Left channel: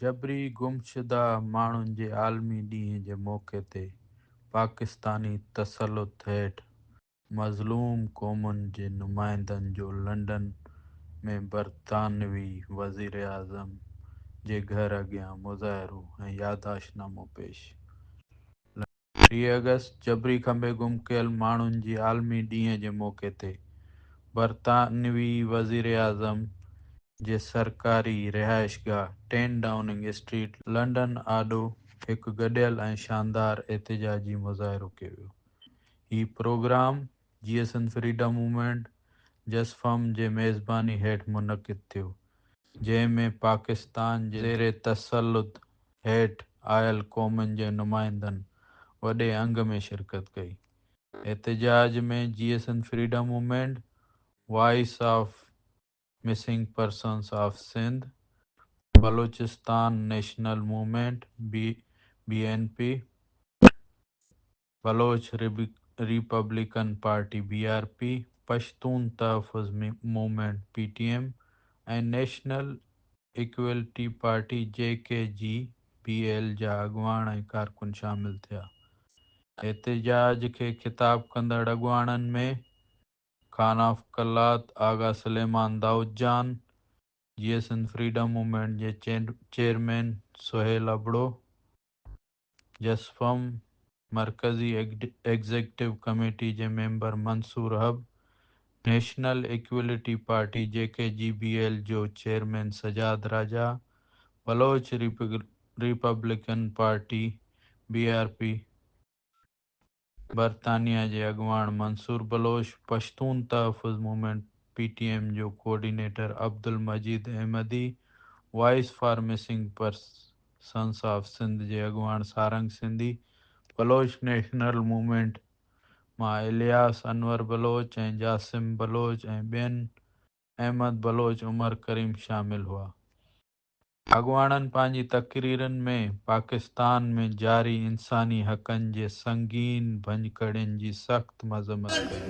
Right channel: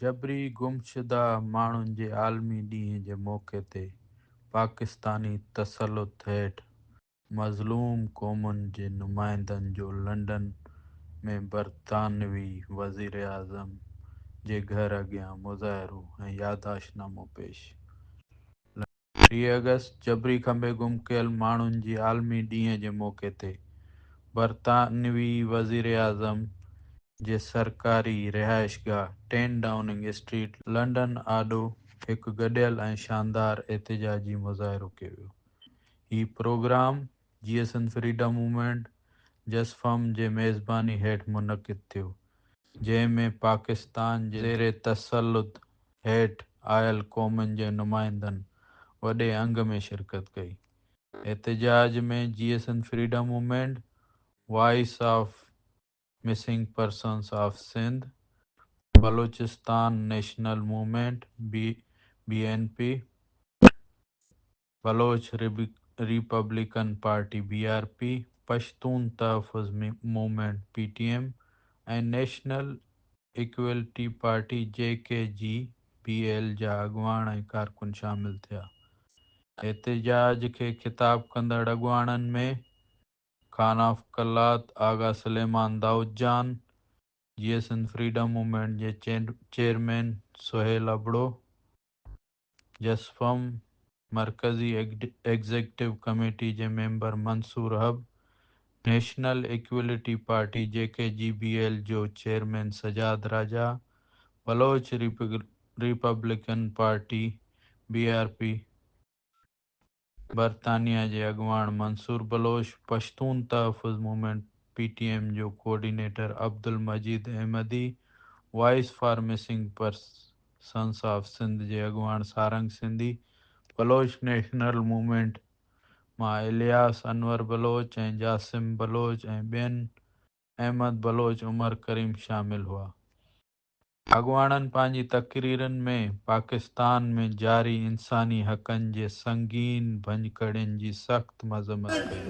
जबरी गुमशुदा माण्हुनि जे आलमी ॾींहं जे मौक़े ते पाकिस्तानी तसलुत हेठि मज़लूम क़ौमुनि जे नुमाइंदनि जो लंडन में बरतानवी वज़ीर आज़म जे घर अॻियां मुज़ाहिरो ऐं याददाश्तनामो पेश। 3 अगस्त जबरी खंबे गुम कयल माण्हुनि जी आलमी ॾींहं जे मौक़े ते बरतानवी वज़ीर आज़म जे सरकारी रिहाइशगाह 10 डाउनिंग स्ट्रीट लंडन आॾो हिकु गॾियल ऐं शानदार एहतिजाजी मुज़ाहिरो कयो वियो। हीउ प्रोग्राम GSN फ्रीडम मूवमेंट जसफम जे मेज़बानी हेठि मुनक़िद थियो, जंहिं में पाकिस्तान जे ज़ेर तसल्लुत हेठि आयल क़ौमुनि जे नुमाइंदनि वॾे अंग में शिरकत कई। एहतिजाज में GSN freedom movement, voice of missing persons of Sindh, Balochistan national movement BNP, Baloch republican party BRP, Pashtun Tahaffuz movement PTM ऐं नेशनल इक्वलिटी पार्टी JKGBL जा अॻुवाण ऐं कारकुन शामिल थिया। एहतिजाज खे ख़िताब कंदड़ अॻुवाणनि में Khan of Kalat Agha Suleman Daudjan, GSN freedom movement जे चेयरमैन सुहेल अबड़ो, जसफम मरकज़ी एग्ज़ीक्यूटिव कमेटी जे member Mansoor Hub, national equality party JKGBL जो chairman Sajjad Raja, Baloch republican party BRP बरतानिया जे अॻुवाण मंसूर बलोच, पश्तून तहफ़्फ़ुज़ मूवमेंट PTM जो coordinator Abdul Majeed Ahmadi, voice for missing persons of Sindh जे अॻुवाण सारंग सिंधी, बलोच नेशनल मूवमेंट मां इलियास अनवर बलोच ऐं जासिम बलोच ऐं ॿियनि अहमद बलोच उमर करीम शामिल हुआ। अॻुवाणनि पंहिंजी तक़रीरनि में पाकिस्तान में जारी इंसानी हक़नि जे संगीन भञकड़ियुनि जी सख़्त मज़म्मत कई।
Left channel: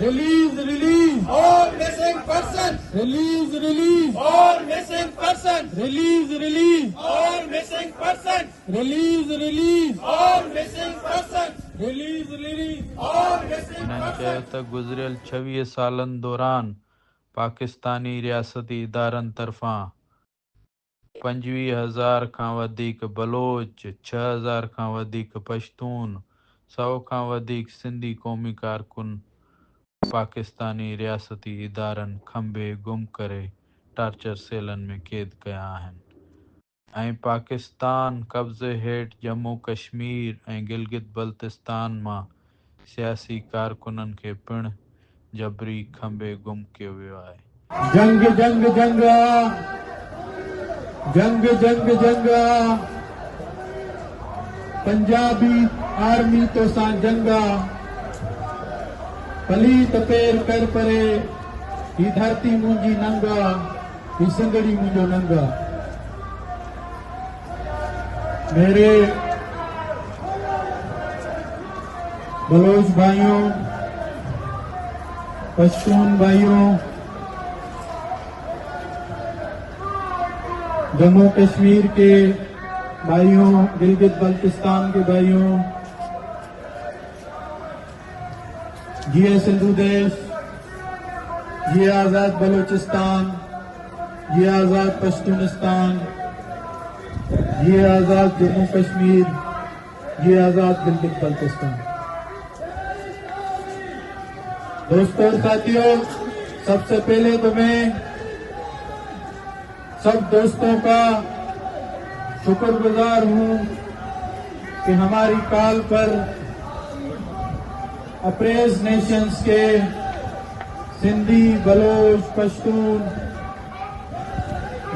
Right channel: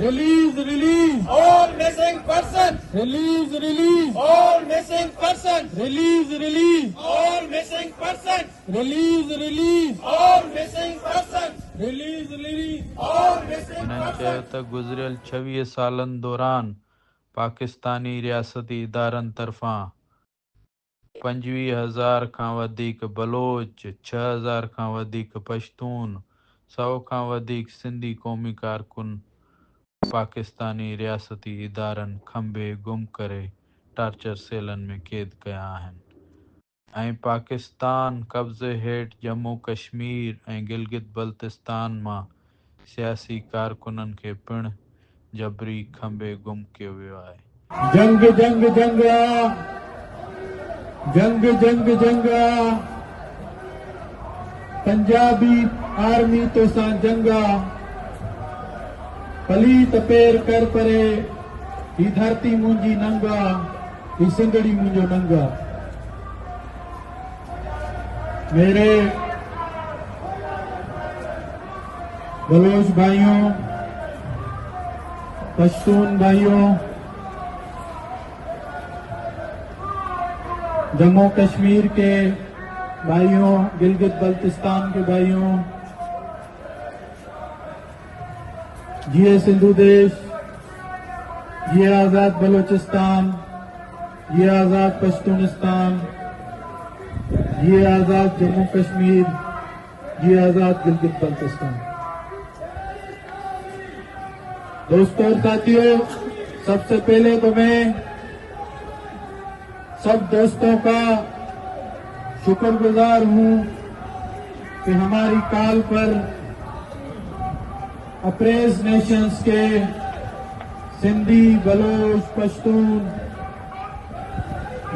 Release, release all missing persons. Release, release all missing persons. Release, release all missing persons. Release, release all missing persons. Release, release all missing persons. Release, release all missing हिननि चयो त गुज़िरियल 26 सालनि दौरान पाकिस्तानी रियासती इदारनि तरफ़ां 25,000 खां वधीक बलोच, 6,000 खां वधीक पश्तून, 100 खां वधीक सिंधी क़ौमी कारकुन पाकिस्तानी रियासती इदारनि खंबे गुम करे टार्चर सेलनि में क़ैद कया आहिनि ऐं पाकिस्तान कब्ज़े हेठि जम्मू कश्मीर ऐं गिलगित बल्तिस्तान मां सियासी कारकुननि खे पिणु जबरी खंबे गुम कयो वियो आहे। जंग जंग जंग जंग जंग जंग पंजाबी आर्मी तो सा जंगा पलीत पैर कर परे ही धरती मुंजी नंगा ही सिंगड़ी मुंजो नंगा। मेरे बलोच भाइयों, पश्तून भाइयों, जम्मू कश्मीर के भाइयों, गिलगित बल्तिस्तान के भाइयों, ये सिंधु देश, ये आजाद बलोचिस्तान, ये आजाद पश्तूनिस्तान, ये आजाद जम्मू कश्मीर, ये आजाद गिलगित बल्तिस्तान। दोस्तों और साथियों, सबसे पहले तो मैं सब दोस्तों का शुक्रगुजार हूं कि हमारी कॉल पर अप्रेज नेशंस के सिंधी, बलोच, पश्तून,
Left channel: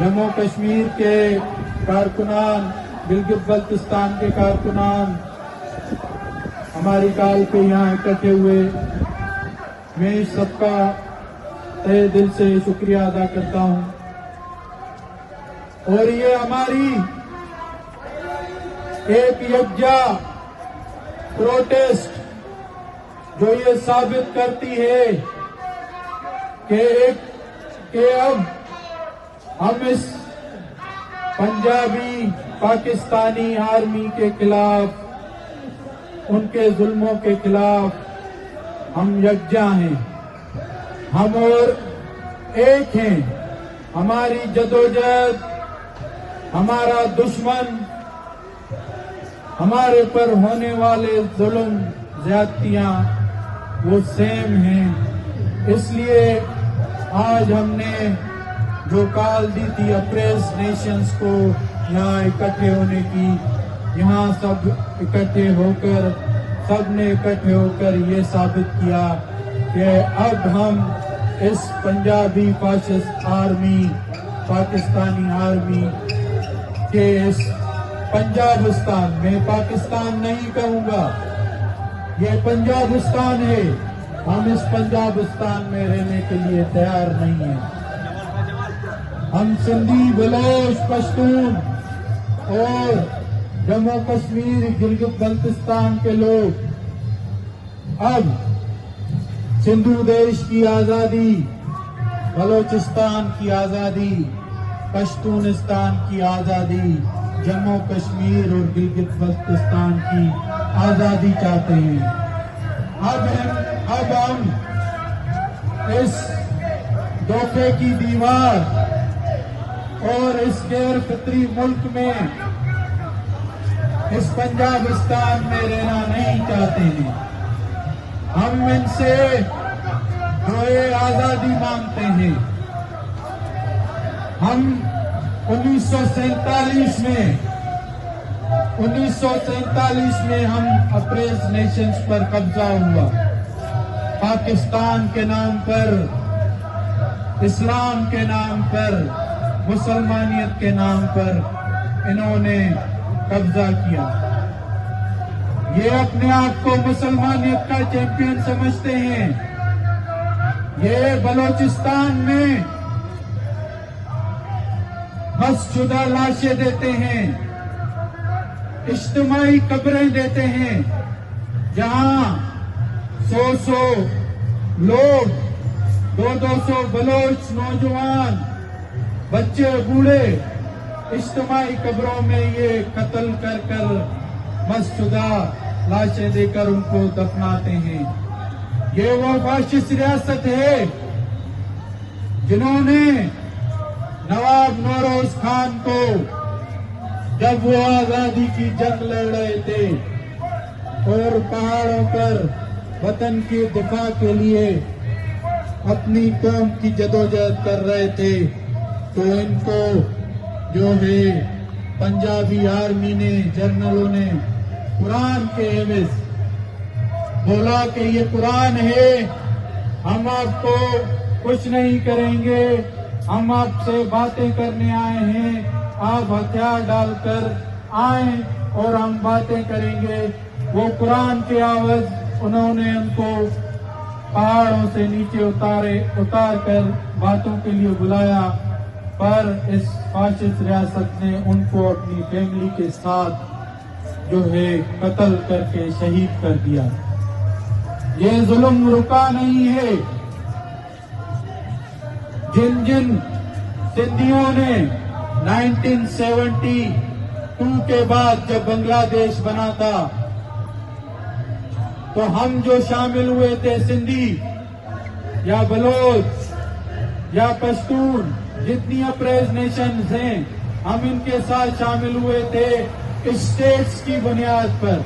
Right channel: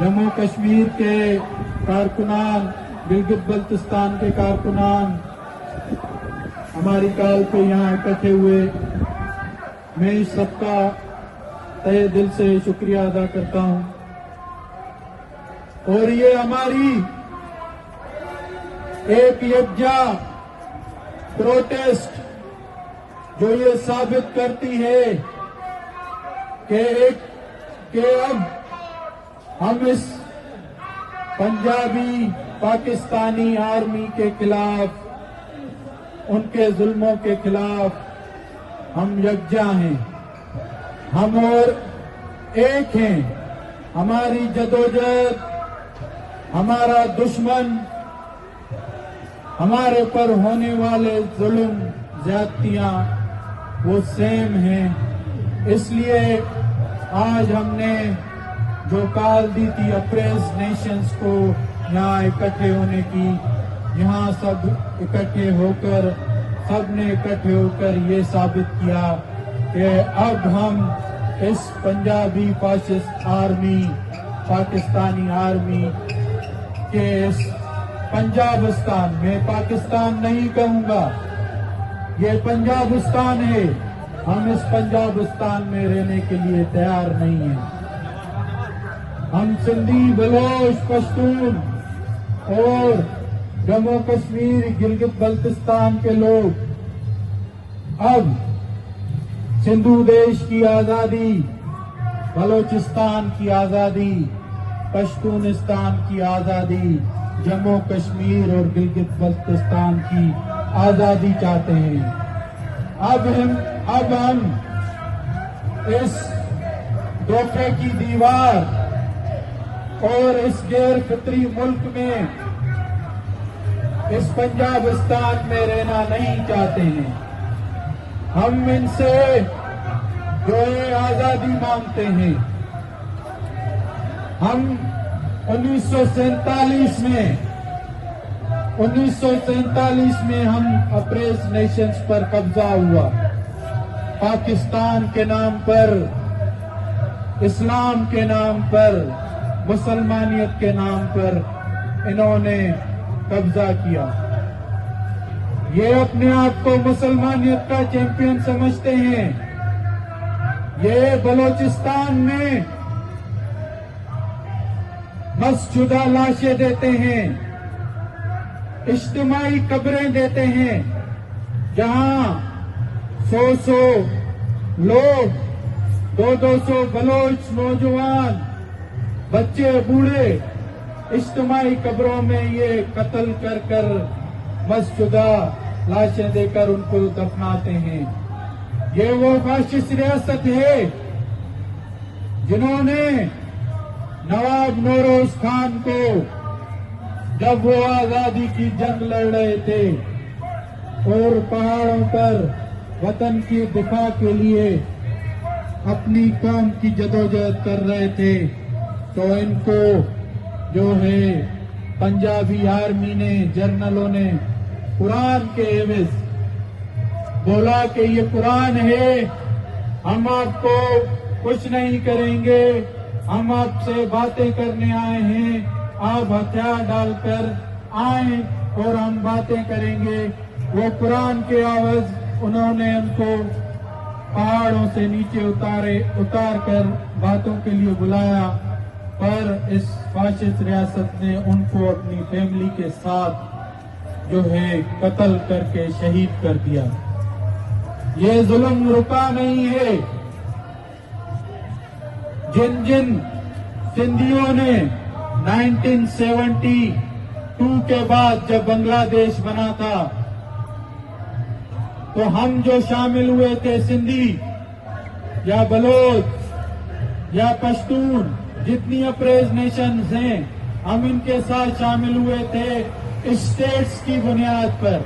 जम्मू कश्मीर के कारकुनान, गिलगित बल्तिस्तान के कारकुनान हमारी कॉल पे यहाँ इकट्ठे हुए। मैं इस सबका तहे दिल से शुक्रिया अदा करता हूं और ये हमारी एक यकजा प्रोटेस्ट जो ये साबित करती है कि अब ہم اس پنجابی پاکستانی آرمی کے خلاف، ان کے ظلموں کے خلاف ہم یکجا ہیں، ہم اور ایک ہیں۔ ہماری جدوجہد، ہمارا دشمن، ہمارے پر ہونے والے ظلم زیادتیاں وہ سیم ہیں۔ اس لیے آج ہم نے جو کال دی تھی اپریز نیشنز کو یہاں اکٹھے ہونے کی، یہاں سب اکٹھے ہو کر، سب نے اکٹھے ہو کر یہ ثابت کیا کہ اب ہم اس Punjabi fascist army, Pakistani army کے اس پنجابستان میں، پاکستان نہیں کہوں گا، یہ پنجابستان ہے، ہم اس پنجابستان میں رہنے کے لیے تیار نہیں ہیں۔ ہم سندھی، بلوچ، پشتون اور جموں کشمیر، گلگت بلتستان کے لوگ اب سندھو دیش کی آزادی، بلوچستان کی آزادی، پشتونستان کی آزادی، جموں کشمیر اور گلگت بلتستان کی آزادی چاہتے ہیں۔ اب ہم اس دھوکے کی دیوار اور اس غیر فطری ملک میں، اس پنجابستان میں رہنا نہیں چاہتے ہیں۔ ہم ان سے جو ہے آزادی مانگتے ہیں۔ ہم 1947 میں ہم اپریز نیشنز پر قبضہ ہوا، پاکستان کے نام پر، اسلام کے نام پر، مسلمانیت کے نام پر انہوں نے قبضہ کیا۔ یہ اپنے آپ کو مسلمانیت کا چیمپئن سمجھتے ہیں۔ یہ بلوچستان میں حذف شدہ لاشیں دیتے ہیں، اجتماعی قبریں دیتے ہیں، جہاں 100 لوگ، 200 بلوچ نوجوان، بچے، بوڑھے اجتماعی قبروں میں یہ قتل کر حذف شدہ لاشیں دے کر ان کو دفناتے ہیں۔ یہ وہ فاشسٹ ریاست ہے جنہوں نے نواب نوروز خان کو، جب وہ آزادی کی جنگ لڑ رہے تھے اور پہاڑوں پر وطن کی دفاع کے لیے اپنی قوم کی جدوجہد کر رہے تھے، تو ان کو جو ہے پنجابی آرمی نے، جنرلوں نے قرآن کے عوض بولا کہ یہ قرآن ہے، ہم آپ کو کچھ نہیں کریں گے، ہم آپ سے باتیں کرنے آئے ہیں، آپ ہتھیار ڈال کر آئیں اور ہم باتیں کریں گے۔ وہ قرآن کے عوض انہوں نے ان کو پہاڑوں سے نیچے اتار کر باتوں کے لیے بلایا، پر اس فاشسٹ ریاست نے ان کو اپنی فیملی کے ساتھ جو ہے قتل کر کے شہید کر دیا۔ یہ ظلم رکا نہیں ہے۔ جن سندھیوں نے 1972 کے بعد جب بنگلہ دیش بنا تھا، تو ہم جو شامل ہوئے تھے، سندھی یا بلوچ یا پشتون، جتنی اپریز نیشنز ہیں، ہم ان کے ساتھ شامل ہوئے تھے اسٹیٹس کی بنیاد پر،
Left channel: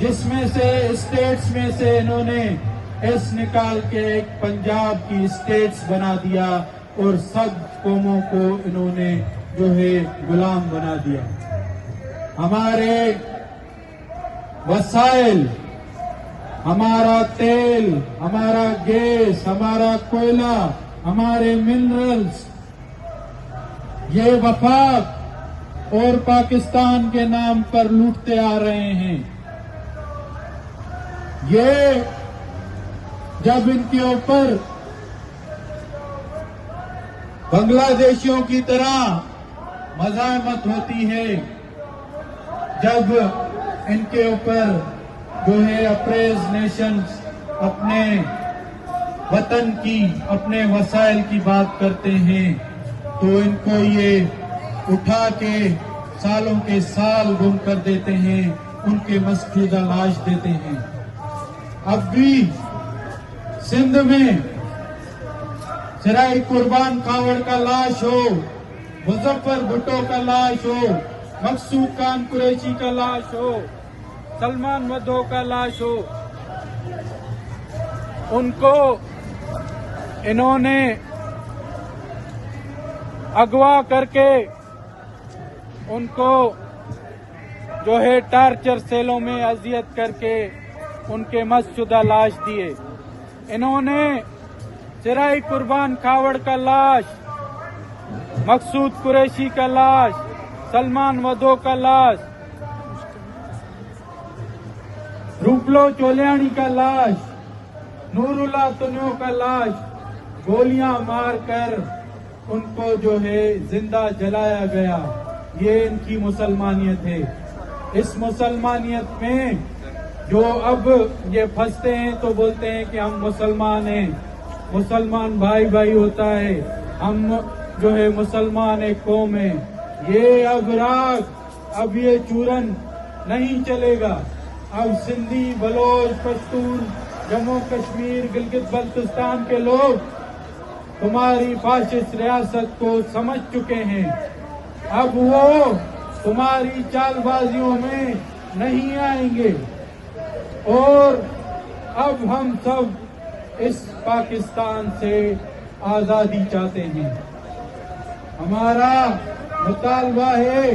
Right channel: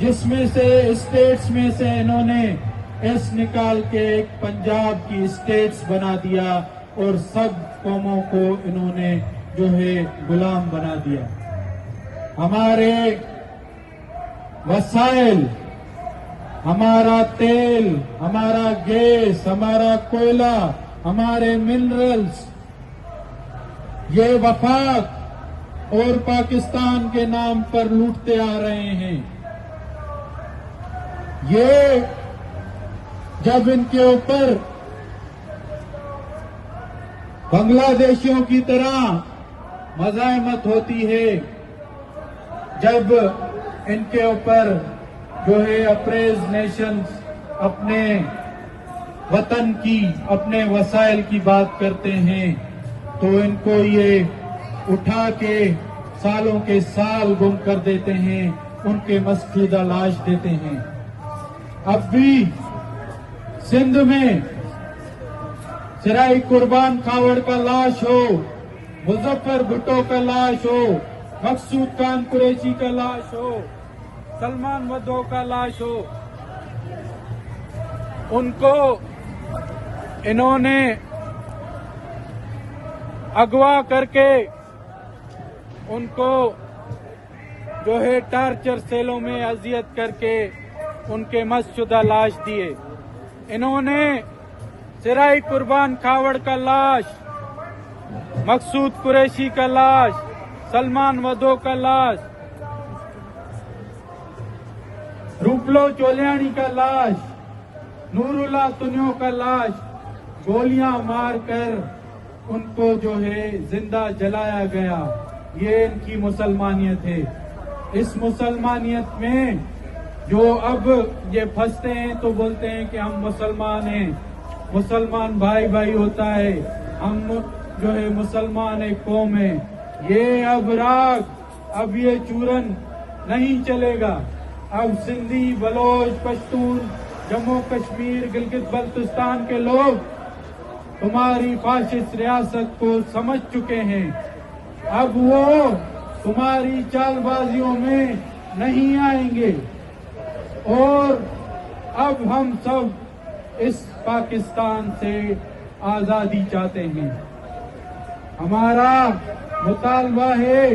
جس میں سے اسٹیٹس میں سے انہوں نے ایس نکال کے ایک پنجاب کی اسٹیٹس بنا دیا اور سب قوموں کو انہوں نے جو ہے غلام بنا دیا۔ ہمارے وسائل، ہمارا تیل، ہمارا گیس، ہمارا کوئلہ، ہمارے منرلز، یہ وفاق اور پاکستان کے نام پر لوٹتے آ رہے ہیں۔ یہ جب ان کے اوپر بنگلہ دیشیوں کی طرح مزاحمت ہوتی ہے، جب ان کے اوپر جو ہے اپریز نیشنز اپنے وطن کی، اپنے وسائل کی بات کرتے ہیں، तो इनको ये उठा के सालों के साल गुम कर देते हैं, उनके मस्फूदा लाश देते हैं। अब भी सिंध में सिराई कुर्बान कावड़ का लाश हो, मुजफ्फर भुट्टो का लाश हो, मकसूद खान कुरैशी का लाश हो, सलमान वधो का लाश हो, उनको इन्होंने अगवा करके उनको जो है टार्चर सेलों में अजियत करके उनके मस्शुदा लाश दिए। इन्होंने सिराई कुर्बान कावड़ का लाश, मकसूद कुरैशी का लाश, सलमान वधो का लाश, रूपलो चोलियानी का लाश, नूरुल्लाह तुनियो का लाश गोलियां मारकर उनको जो है जिंदा जलाया गया। ये इनकी मुसलमानियत है। इस मुसलमानियत में जो अब ये फंसते हैं तो बोलते हैं कि हम मुसलमान हैं, मुसलमान भाई भाई होता है, हम जो है मुसलमान एक कौम है। ये अब राग, अब ये चूरन नहीं चलेगा। अब सिंधी, बलोच, पश्तून, जम्मू कश्मीर, गिलगित बल्तिस्तान के लोग तुम्हारी फाशिस्ट रियासत को समझ चुके हैं। अब वो तुम्हारी चालबाजियों में नहीं आएंगे और अब हम सब इस पाकिस्तान से आजादी चाहते हैं। हमारा मुतालबा है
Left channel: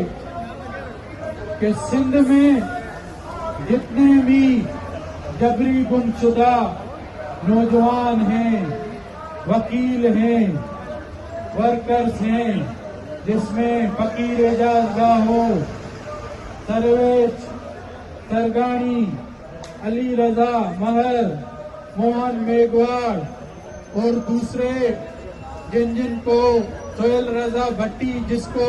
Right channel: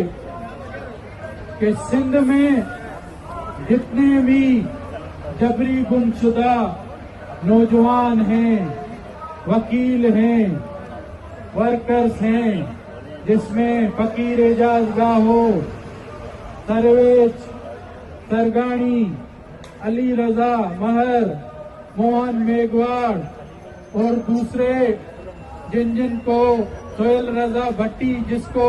कि सिंध में जितने भी जबरी गुमशुदा नौजवान हैं, वकील हैं, वर्कर्स हैं, जिसमें फकीर एजाज गाहो, सरवेज सरगानी, अली रजा महर, मोहन मेघवाड़ और दूसरे जिन को सोहेल रजा भट्टी, जिसको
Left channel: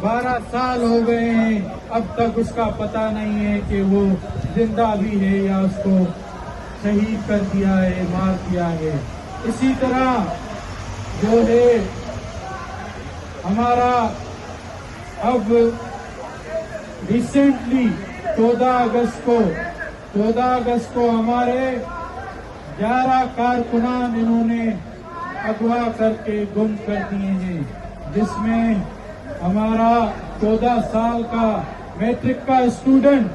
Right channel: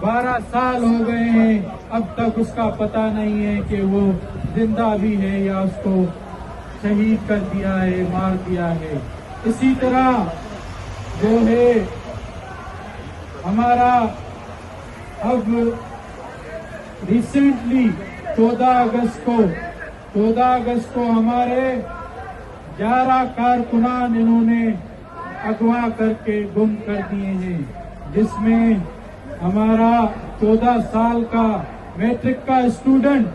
12 साल हो गए हैं, अब तक उसका पता नहीं है कि वो जिंदा भी है या उसको शहीद कर दिया है, मार दिया है। इसी तरह जो है हमारा अब रिसेंटली 14 अगस्त को हमारे 11 कारकुनान इन्होंने अगवा करके गुम कर दिए हैं, जिसमें हमारा 14 साल का मैट्रिक का स्टूडेंट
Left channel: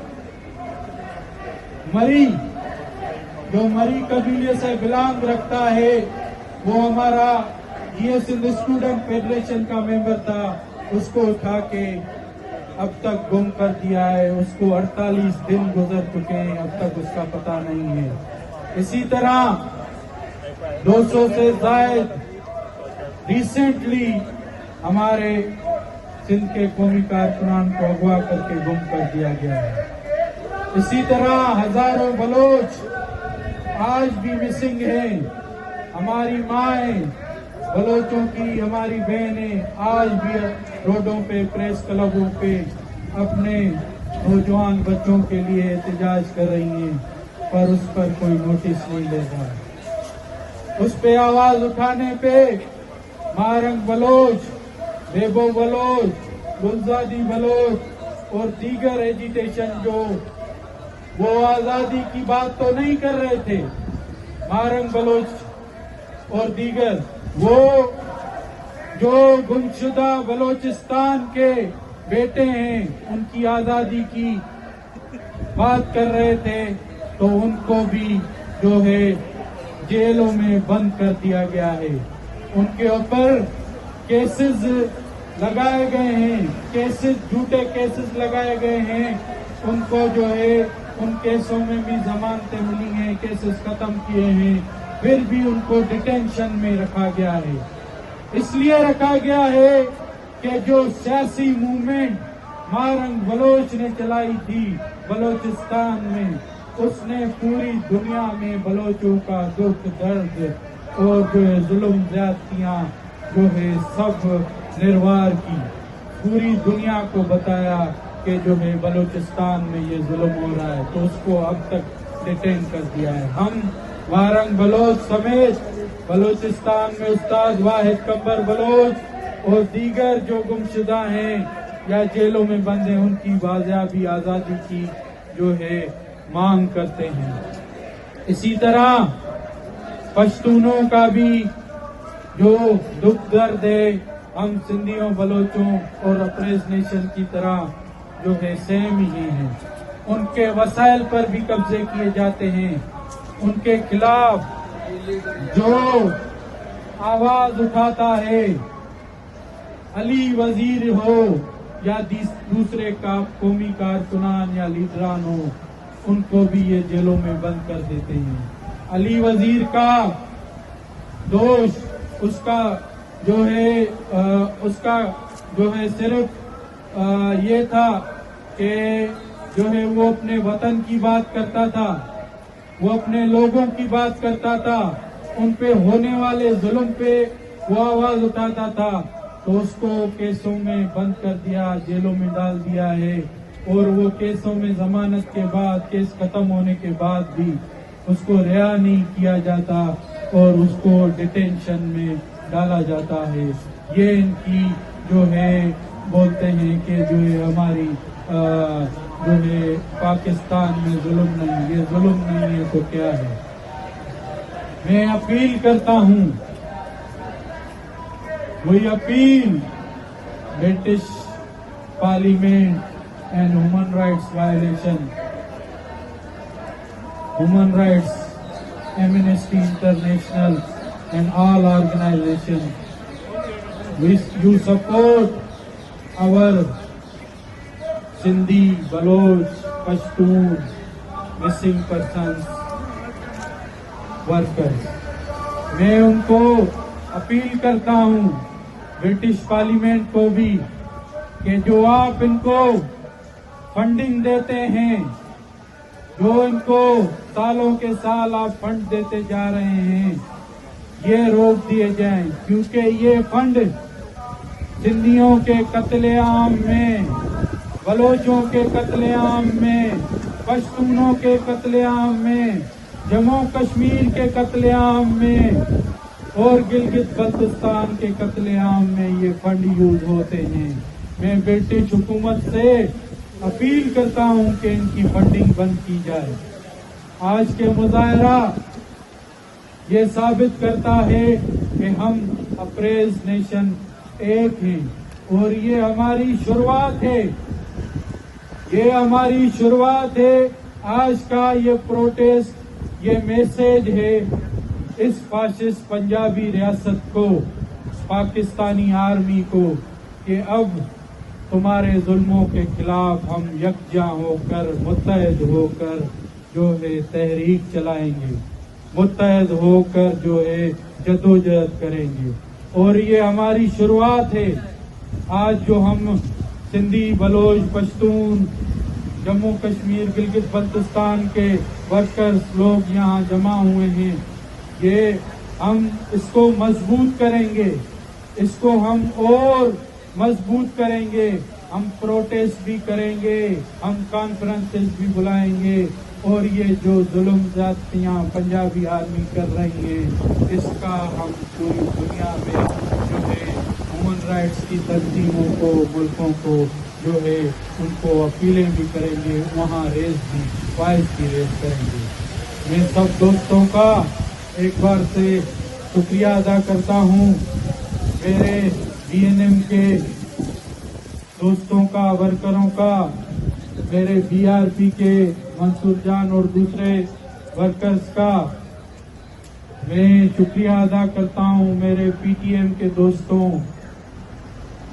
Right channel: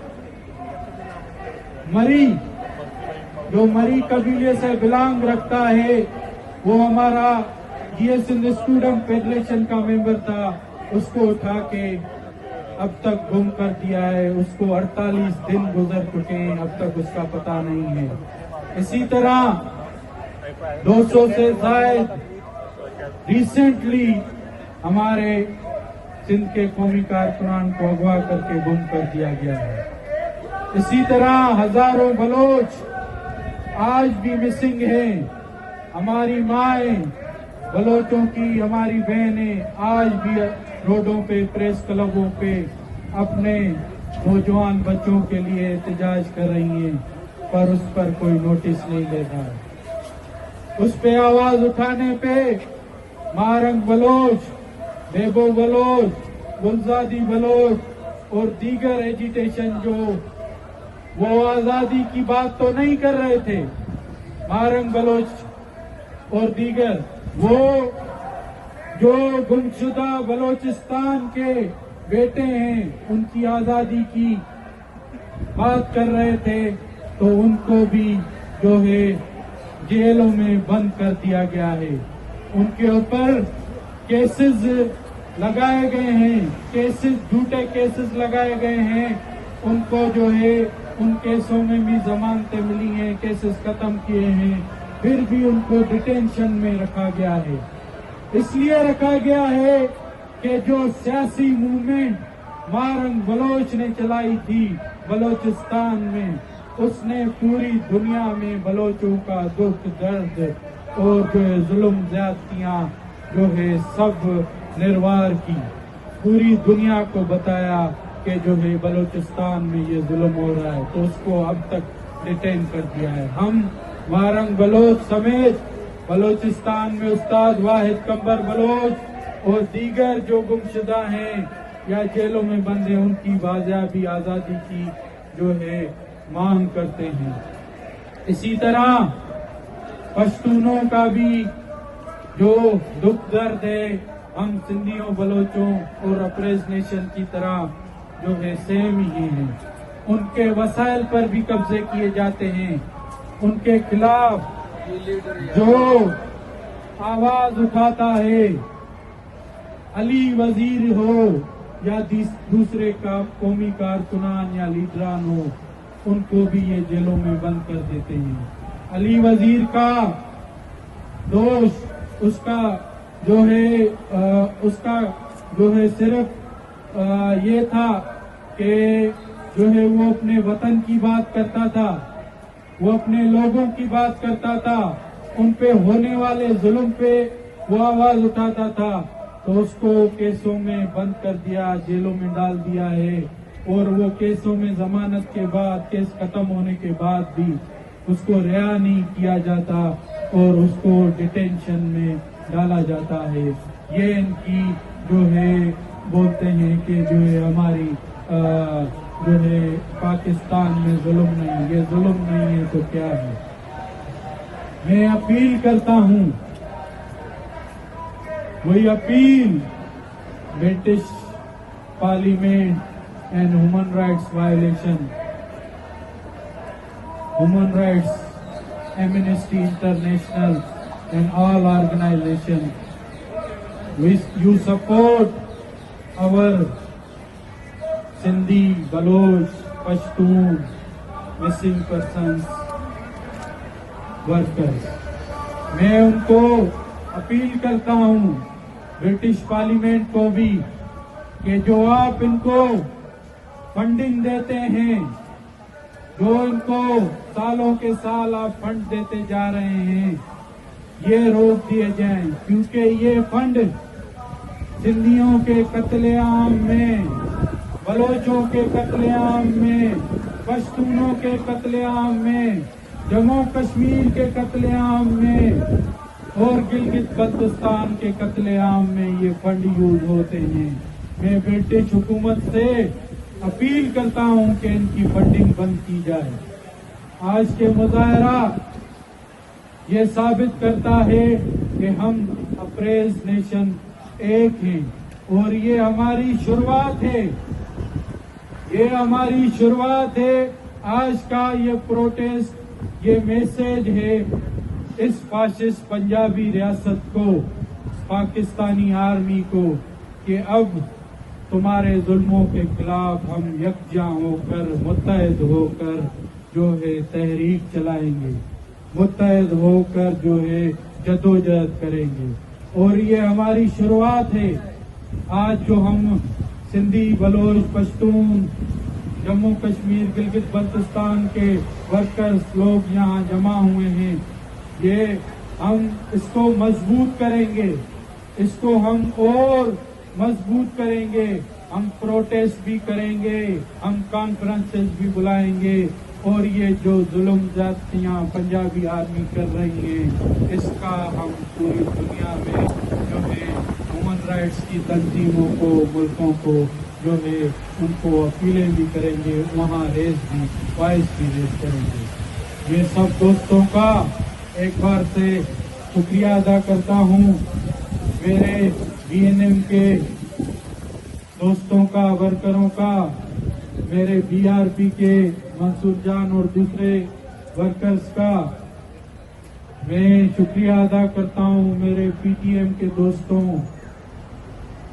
मरी, जो मरी कबीले से बिलोंग रखता है, वो हमारा ये सिंध स्टूडेंट फेडरेशन का मेंबर था, उसको उठा के अब तक गुम कर दिया है। उसको 48 दिन गुजर चुके हैं, अब तक उसका पता नहीं है। इसी तरह 200 से ज्यादा रिसेंटली हमारे सिंध के कौमी कारकुनान को अगवा करके गुम कर दिया गया है। इसी तरह हजारों बलोच आज भी मिसिंग हैं। हमारी माएं, बलोचों की हमारी बहनें आज भी रोडों पे, प्रेस क्लबों पे अपने नौजवान बच्चों के लिए एहतजाज कर रही हैं, पर उस पर कोई नोटिस नहीं ले रहा। उस पे आवाज उठाने पे मारंग बलोच, बेबो बलोच, गुलजादी बलोच और दीगर एजिटेशन जो वो आजादी की बात तो नहीं कर रहे थे, मारंग बलोच और दीगर, वो जो गुमशुदा बलोचिस्तान के बेटे हैं उनकी आजादी की बात कर रहे थे, तो उनको भी जो है जेलों में बंद कर दिया गया है। उनके ऊपर केसेस लगाए गए हैं, झूठे केसेस लगाए गए हैं। उनको जो है उन केसों में भी जमानतें मिली हैं, केसेस खत्म किए हैं, फिर भी उनको डिटेंशन में रखा गया है। इसलिए रखा गया है कि जो सियासी मूवमेंट मारंग बलोच ने चलाई थी बलोचिस्तान में, उसने पूरी दुनिया में बलोचों का दुख, दर्द और जो है जुल्म ज्यादतियां जो है सब निर्वार की, पूरी दुनिया को बताया कि जो है बलोचिस्तान में ये जुल्म हो रहा है, तो उसको अब तक डिटेन कर दिया है। हम मारंग बलोच समेत बलोचिस्तान में उस्ताद वाहिद कब्बर बलोच اور دیگر جو گمشدہ ہیں یا جیلوں میں بند ہیں ان کی بازیابی آزادی کی جو ہے مانگ کرتے ہیں۔ اسی طرح پشتونوں کا بھی جو دکھ درد ہے ہم سندھیوں بلوچوں اور اپریز نیشن کی طرح جو ہے سیم ہی ہیں۔ ان کے وسائل پر بھی قبضے کیے جاتے ہیں۔ ان کے خلاف جو آواز اٹھاتا ہے، علی وزیر ہو یا دوسرے قومی کارکنان یا لیڈران ہو، ان کو بھی یہ جیلوں میں بند کر دیتے ہیں۔ علی وزیر کا دوش اس کا جو ہے صرف یہ تھا کہ جو ہے وہ اپنے وطن کی بات کرتا تھا، وہ اپنے لوگوں کی بات کرتا تھا، ان پہ ہونے والے ظلم پہ وہ آواز اٹھاتا تھا، تو اس کو کیسوں میں بند کر دیا، جیلوں میں ڈال دیا ہے، اور وہ کیسوں میں ضمانت کے بعد، کیس ختم ہونے کے بعد بھی اس کو رہا نہیں کیا جاتا اور اس کو ڈیٹینشن میں ڈالا جاتا ہے۔ یہ ان کی جو ہے بولتے ہیں کہ جو ہے ہماری جو ہے پاکستان میں ظلم نہیں، یہ ظلم نہیں ہے تو کیا ہے؟ میں اپیل کرتا ہوں، وہی appeal British parliament and human rights violation, human rights Amnesty international and all organizations, you support our Sindhi, Baloch, Pashtun, missing persons, workers. میں ان کو اپیل کرتا ہوں، برٹش پارلیمنٹ کو بھی، کہ جو آپ ان کو فنڈنگ دیتے ہیں، جو ان کو سالوں کے سال آپ فنڈ دیتے جا رہے ہیں، یہ روک دیے جائیں، کیونکہ یہ فنڈ سندھیوں کے قتل عام میں، بلوچوں کے قتل عام میں، پشتونوں کے قتل عام میں، جموں کشمیر کے قتل عام میں اور گلگت بلتستان کے قتل عام میں یہ فنڈ یوز ہوتے ہیں۔ میں برٹش حکومت سے اپیل کرتا ہوں کہ ان کی فنڈنگ بند کی جائے۔ آج کے مظاہرہ یہ ثابت کرتا ہے کہ ہم اپریز نیشن ایک ہیں، اور یہ ہماری شروعات ہے، یہ ہماری شروعات ہے۔ آج کا یہ پروٹیسٹ، یہ میسج ہے اس فاشسٹ پنجابی ریاست کو، پاکستانی آرمی کو، کہ اب تمہارے ظلموں کے خلاف ہم یکجا ہو کر، متحد ہو کر جو ہے تحریک چلائیں گے، متحد ہو کر جو ہے جدوجہد کریں گے، اور یہ ہماری شروعات ہے۔ آج جو ہم سندھی، بلوچ، پشتون، جموں کشمیر، گلگت بلتستان کے ورکرز لوگ یہاں جمع ہوئے ہیں، یہ ہم اس کو مضبوط کریں گے، اس کو ہم اور مضبوط کریں گے، ہم پروٹیسٹ بھی کریں گے، ہم کانفرنسز بھی بلائیں گے، اور یہ جو ظلم زیادتیاں پنجابی آرمی کر رہی ہیں، اس کا ہم پوری دنیا میں جو ہے ہیومن رائٹس کی تنظیموں کو، ملکوں کو جو ہے ان کو اپیلیں بھی کریں گے، وہاں وائس بھی ریز کریں گے۔ میں سب دوستوں کا ایک بار سے شکریہ ادا کرتا ہوں، میرے بی این ایم کے دوستوں کا، ورکروں کا، میرے بی آر پی کے منصور جان اور دوسرے ورکرز کا میں شکریہ ادا کرتا ہوں، میرے پی ٹی ایم کے دوستوں،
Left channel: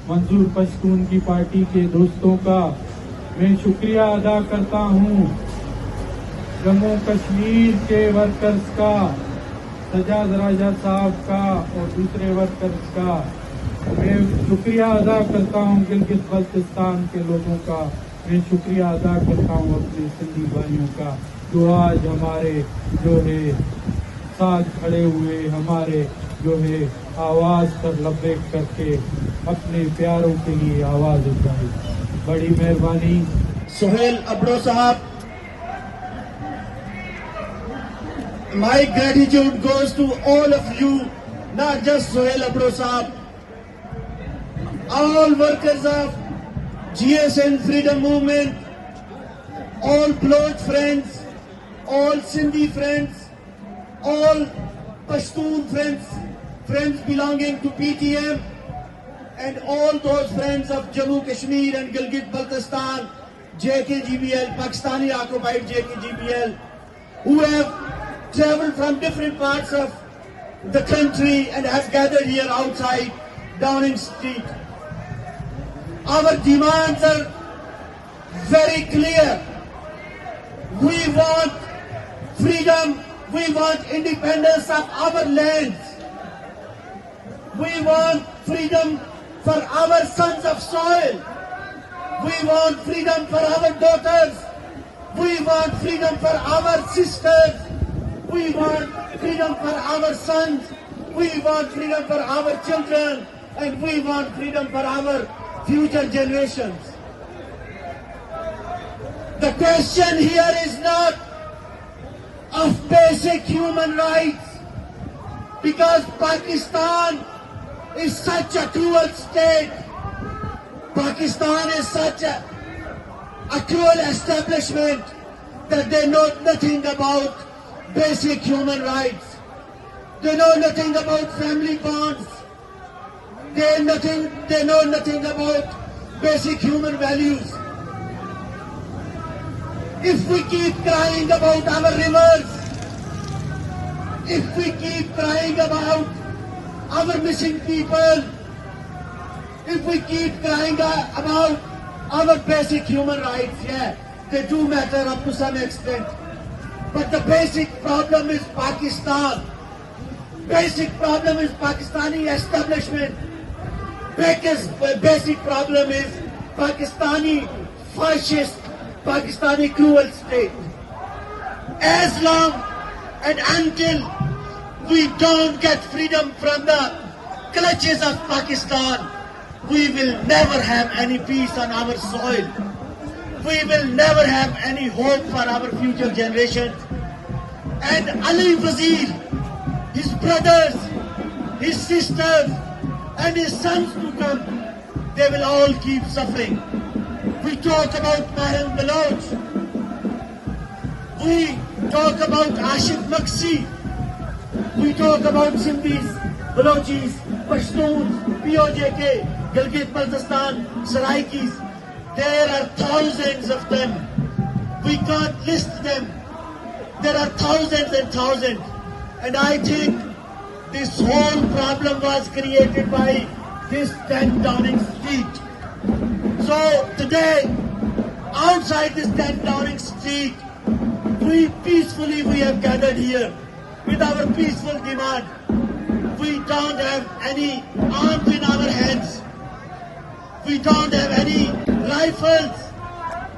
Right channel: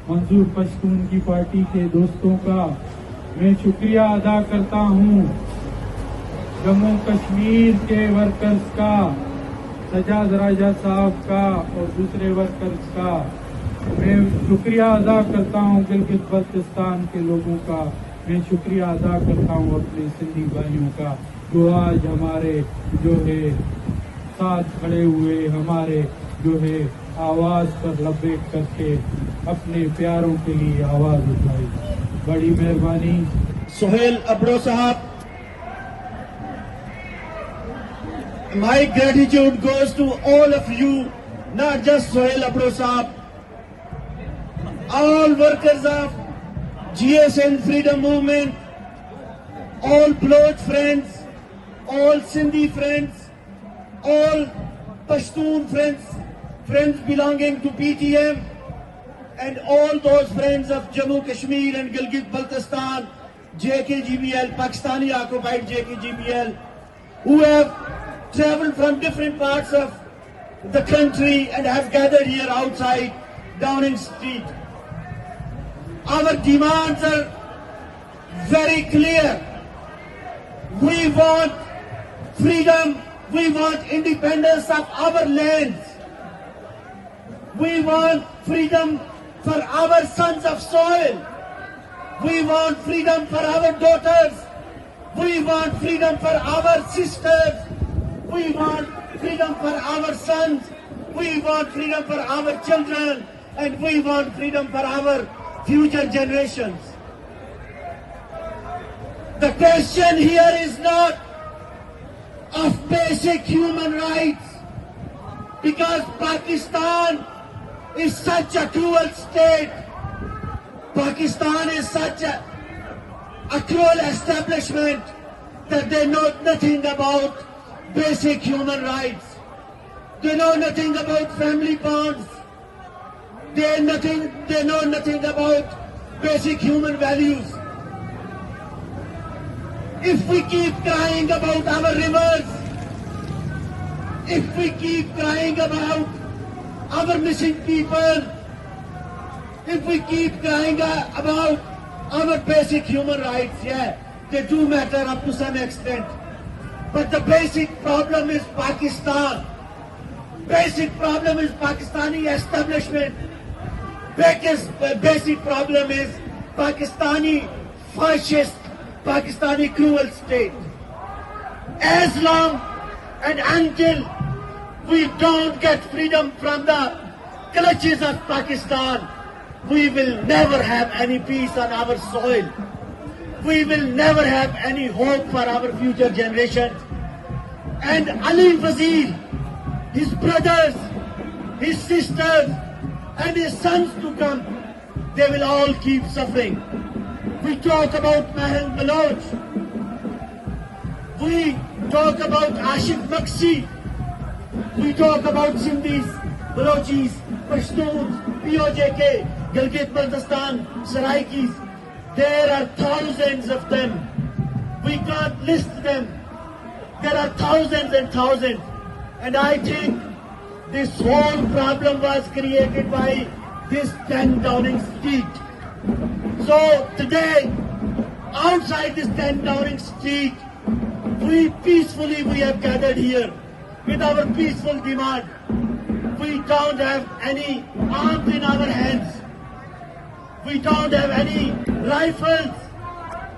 منظور پشتون کی پارٹی کے دوستوں کا میں شکریہ ادا کرتا ہوں، جموں کشمیر کے ورکرز کا، سجاد راجہ صاحب کا اور دوسرے ورکرز کا میں شکریہ ادا کرتا ہوں، گلگت بلتستان کے لوگوں کا میں شکریہ ادا کرتا ہوں، اپنے سندھی بھائیوں کا جو آج ہمارے جو ہے ساتھ کھڑے ہوئے، ہمارے جو ہے آواز پر لبیک کر کے اپنے پیاروں کے لیے آواز اٹھائی۔ بڑی مہربانی۔ سہیل ابڑو صاحب، my gratitude goes to all of you, not just Sohail Abdo Saab, all workers of GSN Freedom Movement, all Baloch friends, all Sindhi friends, all Pashtun friends, friends belonging to PTM, and all those friends of Jammu Kashmir and Gilgit Baltistan, JKGBL, Pakistani occupied JKGBL, who have traveled from different parts of the country and have gathered here outside Downing Street. Our demands are very clear. We want freedom, we want independence of our lands. We want freedom for our sons of soil. We want freedom for our daughters. We want freedom for our sisters. We want freedom for our sons. We want freedom for our children. And we want freedom for our future generations. The question here is not of basic human rights, because Pakistan is such a cruel state. Pakistan is such a cruel establishment that they know nothing about basic human rights. They know nothing about family bonds. They know nothing about basic human values. If we keep crying about our rivers, if we keep crying about our missing people, if we keep crying about our basic human rights, yeah, they do matter up to some extent. But the basic problem is Pakistan. Basic problem is Pakistani establishment. Basic problem is Pakistani fascist, Pakistani cruel state. As long and until we don't get freedom from the clutches of Pakistan, we will never have any peace on our soil. We will never have any hope for our future generations. And Ali Wazir, his brothers, his sisters, and his sons to come, they will all keep suffering. We talk about Mahang Baloch. We talk about Ashik Maksi. We talk about Sindhis, Balochis, Pashtuns, POJK, Gilgit Baltistan, Saraikis. There are thousands of them. We can't list them. There are thousands and thousands. And I think this whole problem was created by this 10 Downing Street. So today, outside this 10 Downing Street, we have gathered here with our peaceful demand. We don't have any arms in our hands. We don't have any rifles.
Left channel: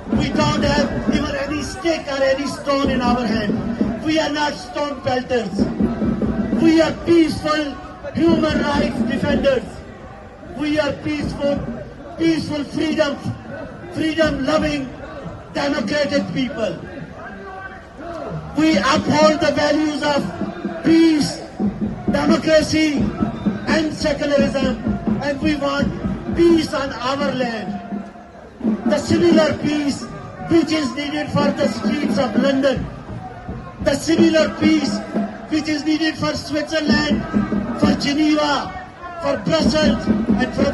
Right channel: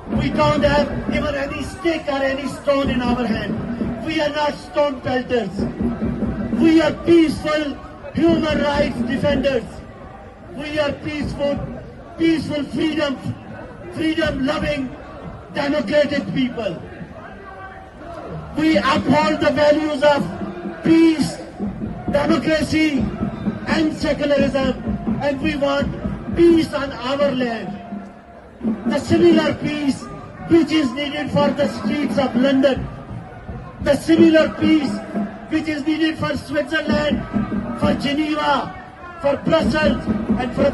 We don't have even any stick or any stone in our hand. We are not stone pelters. We are peaceful human rights defenders. We are peaceful freedom-loving, democratic people. We uphold the values of peace, democracy, and secularism, and we want peace on our land. The similar peace which is needed for the streets of London, the similar peace which is needed for Switzerland, for Geneva, for Brussels, and for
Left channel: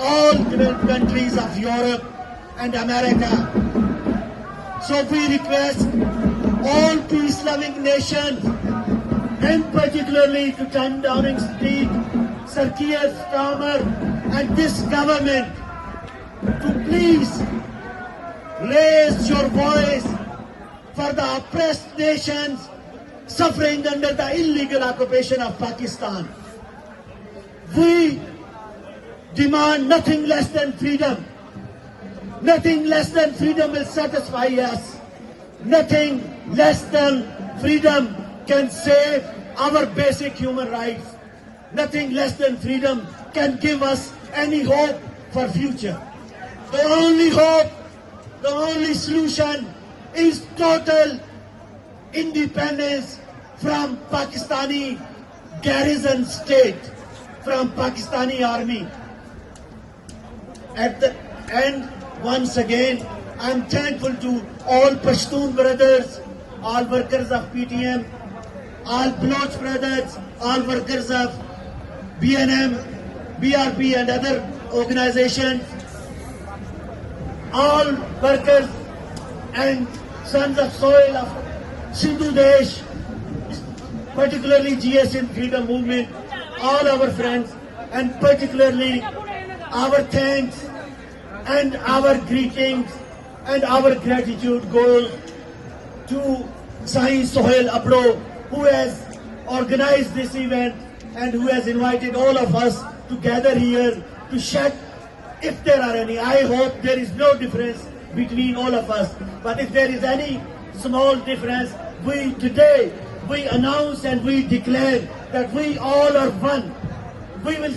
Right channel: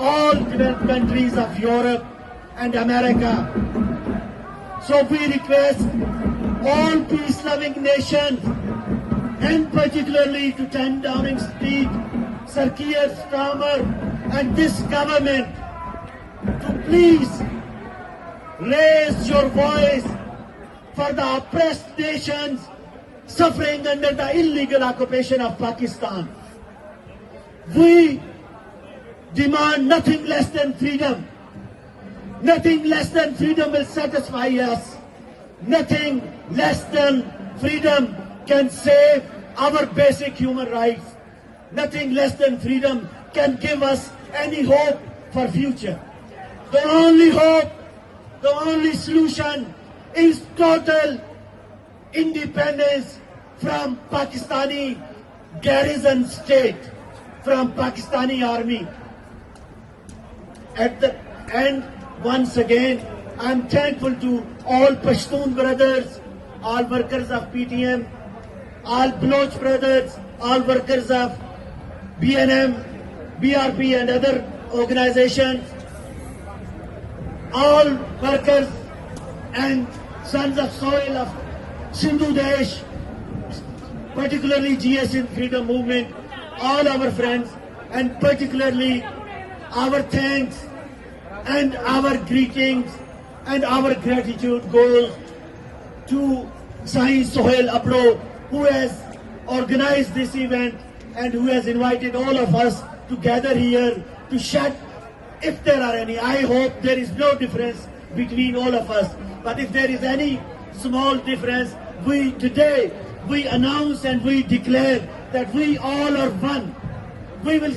all developed countries of Europe and America. So we request all peace-loving nations, and particularly to 10 Downing Street, Sir Keir Starmer and this government, to please raise your voice for the oppressed nations suffering under the illegal occupation of Pakistan. We demand nothing less than freedom. Nothing less than freedom will satisfy us. Nothing less than freedom can save our basic human rights. Nothing less than freedom can give us any hope for future. The only hope, the only solution is total independence from Pakistani garrison state, from Pakistani army. at the end, once again, I'm thankful to all Pashtun brothers, all workers of PTM, all Baloch brothers, all workers of BNM, BRP and other organizations, all workers and sons of soil of Sindhu Desh, particularly GS in Freedom Movement, all our friends, and particularly our thanks and our greetings and our gratitude goes to Sai Sohail Abdo, who has organized this event and who has invited all of us to gather here to shed, if there are any. I hope there is no difference between all of us, but if there is any small difference, today we announce and we declare that we all are one. We will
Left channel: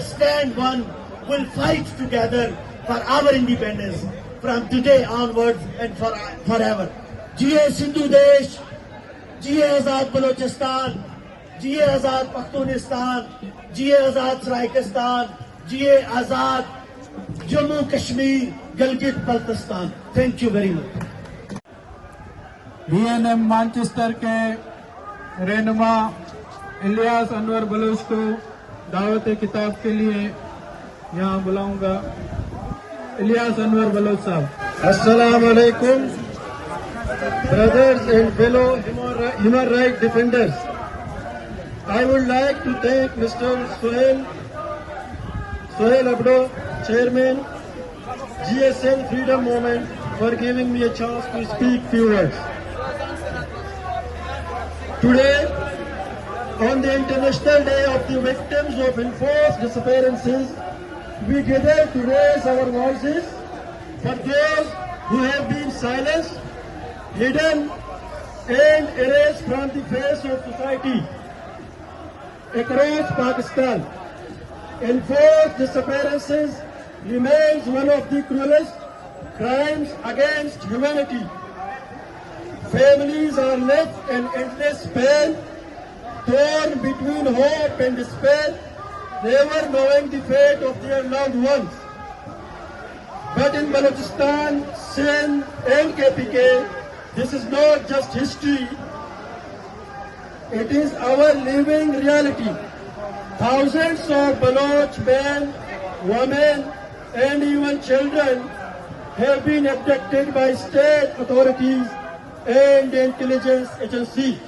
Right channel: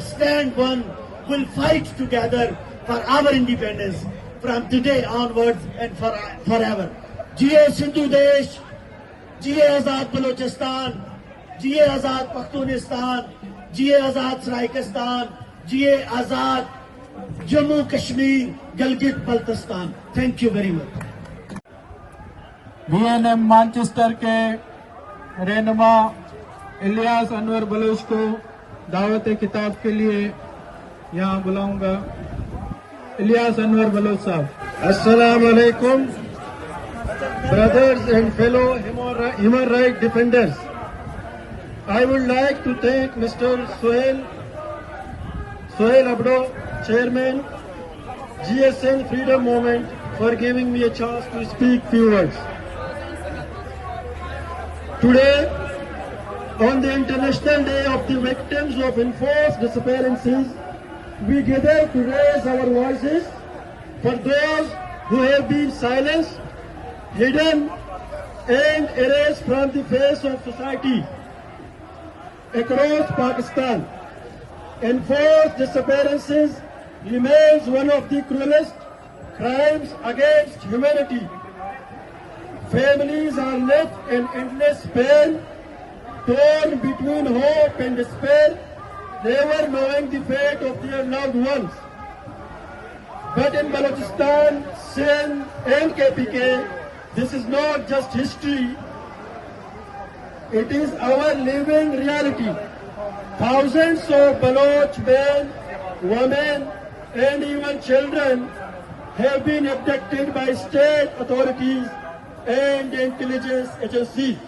stand one, will fight together for our independence from today onwards and forever. Jiye Sindhu Desh, Jiye Azad Balochistan, Jiye Azad Pakhtunistan, Jiye Azad Saraikistan, Jiye Azad Jammu Kashmir, Gilgit Baltistan. Thank you very much. BNM Manchester के रहनुमा Ilyas Anwar Bloch को दावत किताब के लिए यहाँ बुलाऊंगा। Ilyas Anwar Bloch साहब। Assalamu alaikum, brothers and fellow human rights defenders. I would like to thank Mr. Sohail Abdo, Chairman, GSN Freedom Movement, for giving me a chance to speak few words. Today, on the International Day of the Victims of Enforced Disappearances, we gather to raise our voices for those who have been silenced, hidden, and erased from the face of society across Pakistan. Enforced disappearances remains one of the cruelest crimes against humanity. Families are left in endless pain, torn between hope and despair, never knowing the fate of their loved ones. But in Balochistan, Sindh and KPK, this is not just history, it is our living reality. Thousands of Baloch men, women, and even children have been abducted by state authorities and intelligence agencies.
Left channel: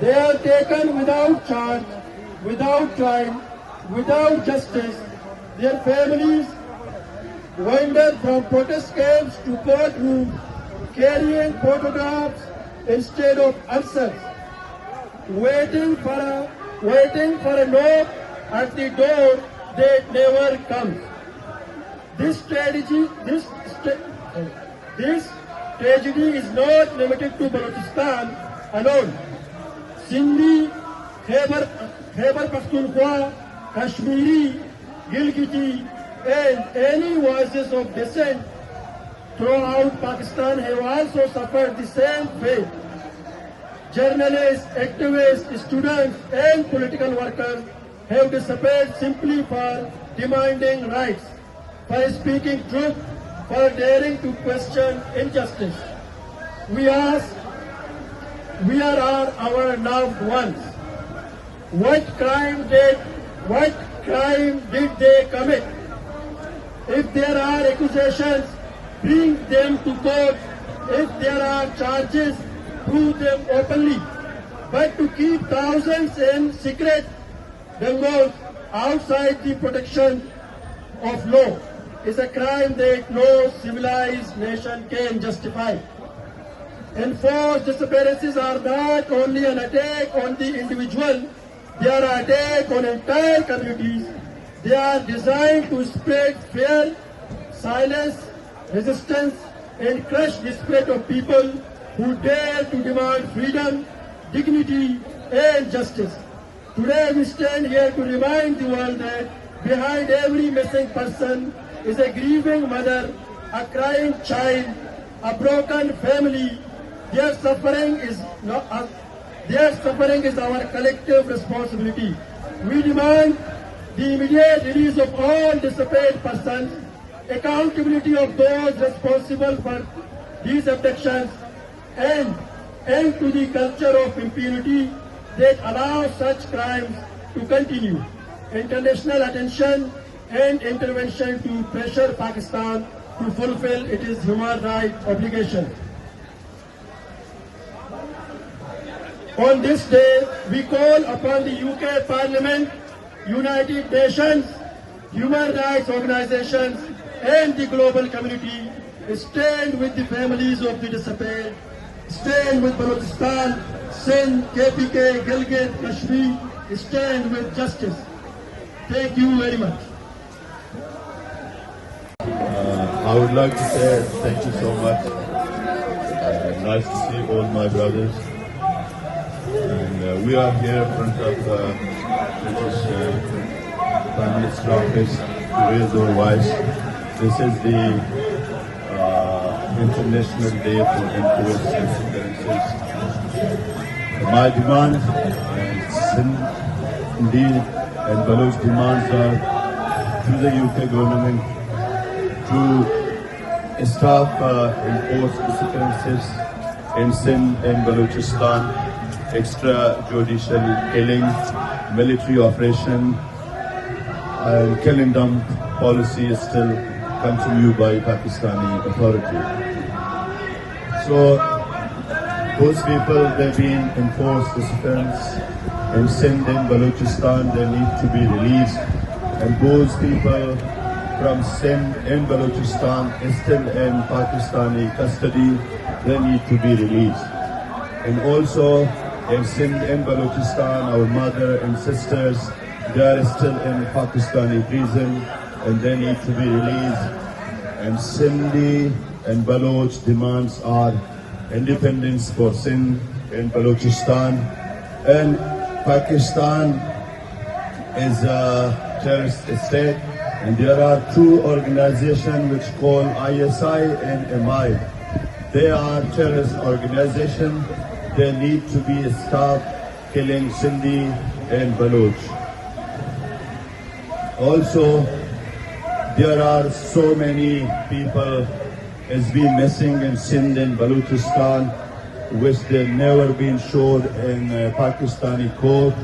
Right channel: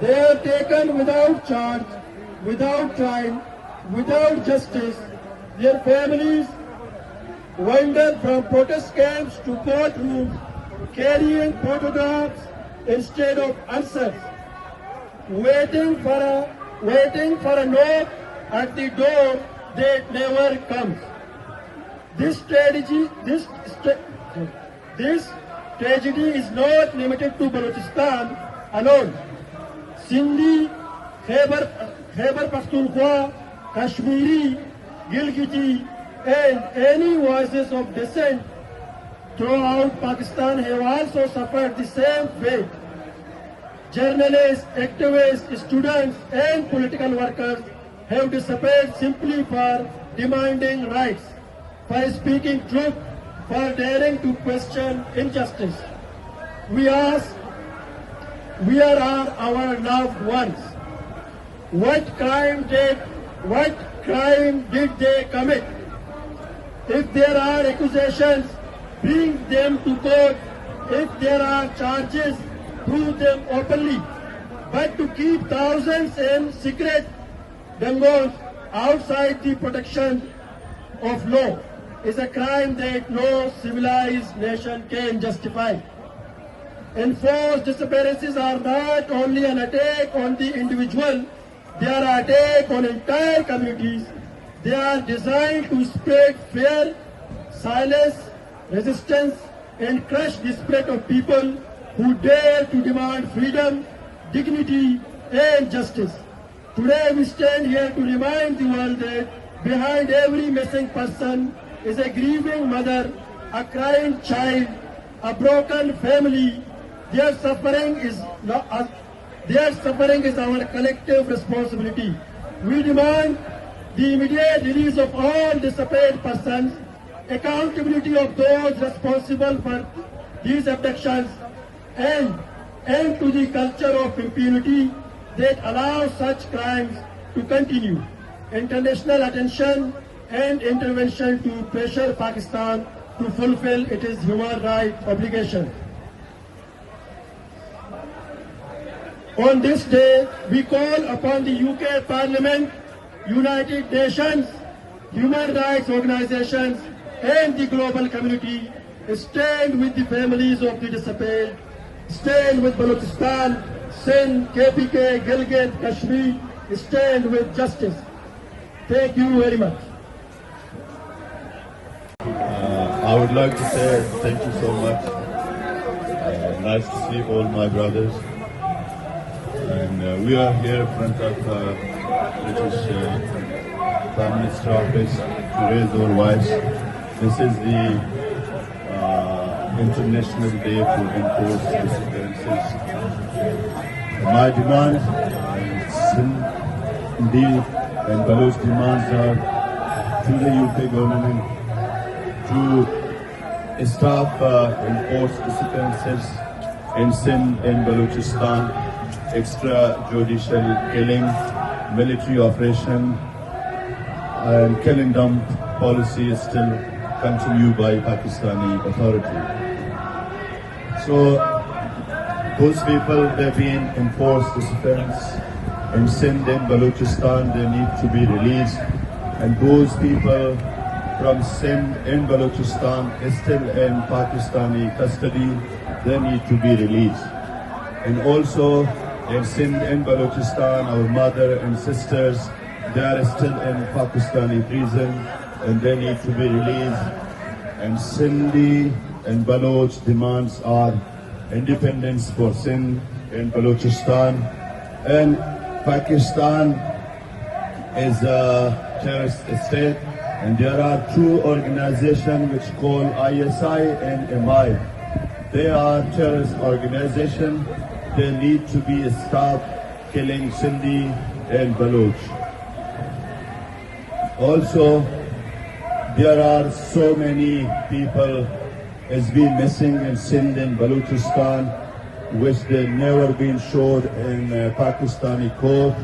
They are taken without charge, without trial, without justice. Their families wander from protest camps to courtrooms, carrying photographs instead of answers, waiting for a knock at the door that never comes. This tragedy is not limited to Balochistan alone. Sindhi, Khyber Pakhtunkhwa, Kashmiri, Gilgiti, and any voices of dissent throughout Pakistan have also suffered the same fate. Journalists, activists, students, and political workers have disappeared simply for demanding rights, for speaking truth, for daring to question injustice. We ask, where are our loved ones? What crime did they commit? If there are accusations, bring them to court. If there are charges, prove them openly. But to keep thousands in secret dangos outside the protection of law is a crime that no civilized nation can justify. Enforced disappearances are not only an attack on the individual, they are an attack on entire communities. They are designed to spread fear, silence, resistance, and crush the spirit of people who dare to demand freedom, dignity, and justice. Today we stand here to remind the world that behind every missing person is a grieving mother, a crying child, a broken family. Their suffering is our collective responsibility. We demand the immediate release of all disappeared persons, accountability of those responsible for these abductions, and end to the culture of impunity that allows such crimes to continue. International attention and intervention to pressure Pakistan to fulfill its human rights obligations. On this day, we call upon the UK Parliament, United Nations, human rights organizations, and the global community to stand with the families of the disappeared, stand with Balochistan, Sindh, KPK, Gilgit, Kashmir, stand with justice. Thank you very much. I would like to say thank you so much. Nice to see all my brothers. And we are here in front of British Prime Minister office to raise our voice. This is the International Day to enforce disappearances. My demands and Sindhi and Baloch demands are to the UK government to stop enforced disappearances in Sindh and Balochistan, extrajudicial killing, military operation, and killing dump policy is still continued by Pakistani authority. So those people, they've been enforced disappearance in Sindh and Balochistan, they need to be released, and those people from Sindh and Balochistan is still in Pakistani custody, they need to be released. And also in Sindh and Balochistan, our mother and sisters, they are still in Pakistani prison and they need to be released. And Sindhi and Baloch demands are independence for Sindh and Balochistan. And Pakistan is a terrorist state, and there are two organizations which call ISI and MI. They are terrorist organizations. They need to be stopped killing Sindhi and Baloch. Also, there are so many people has been missing in Sindh and Balochistan, which they never been showed in Pakistani court.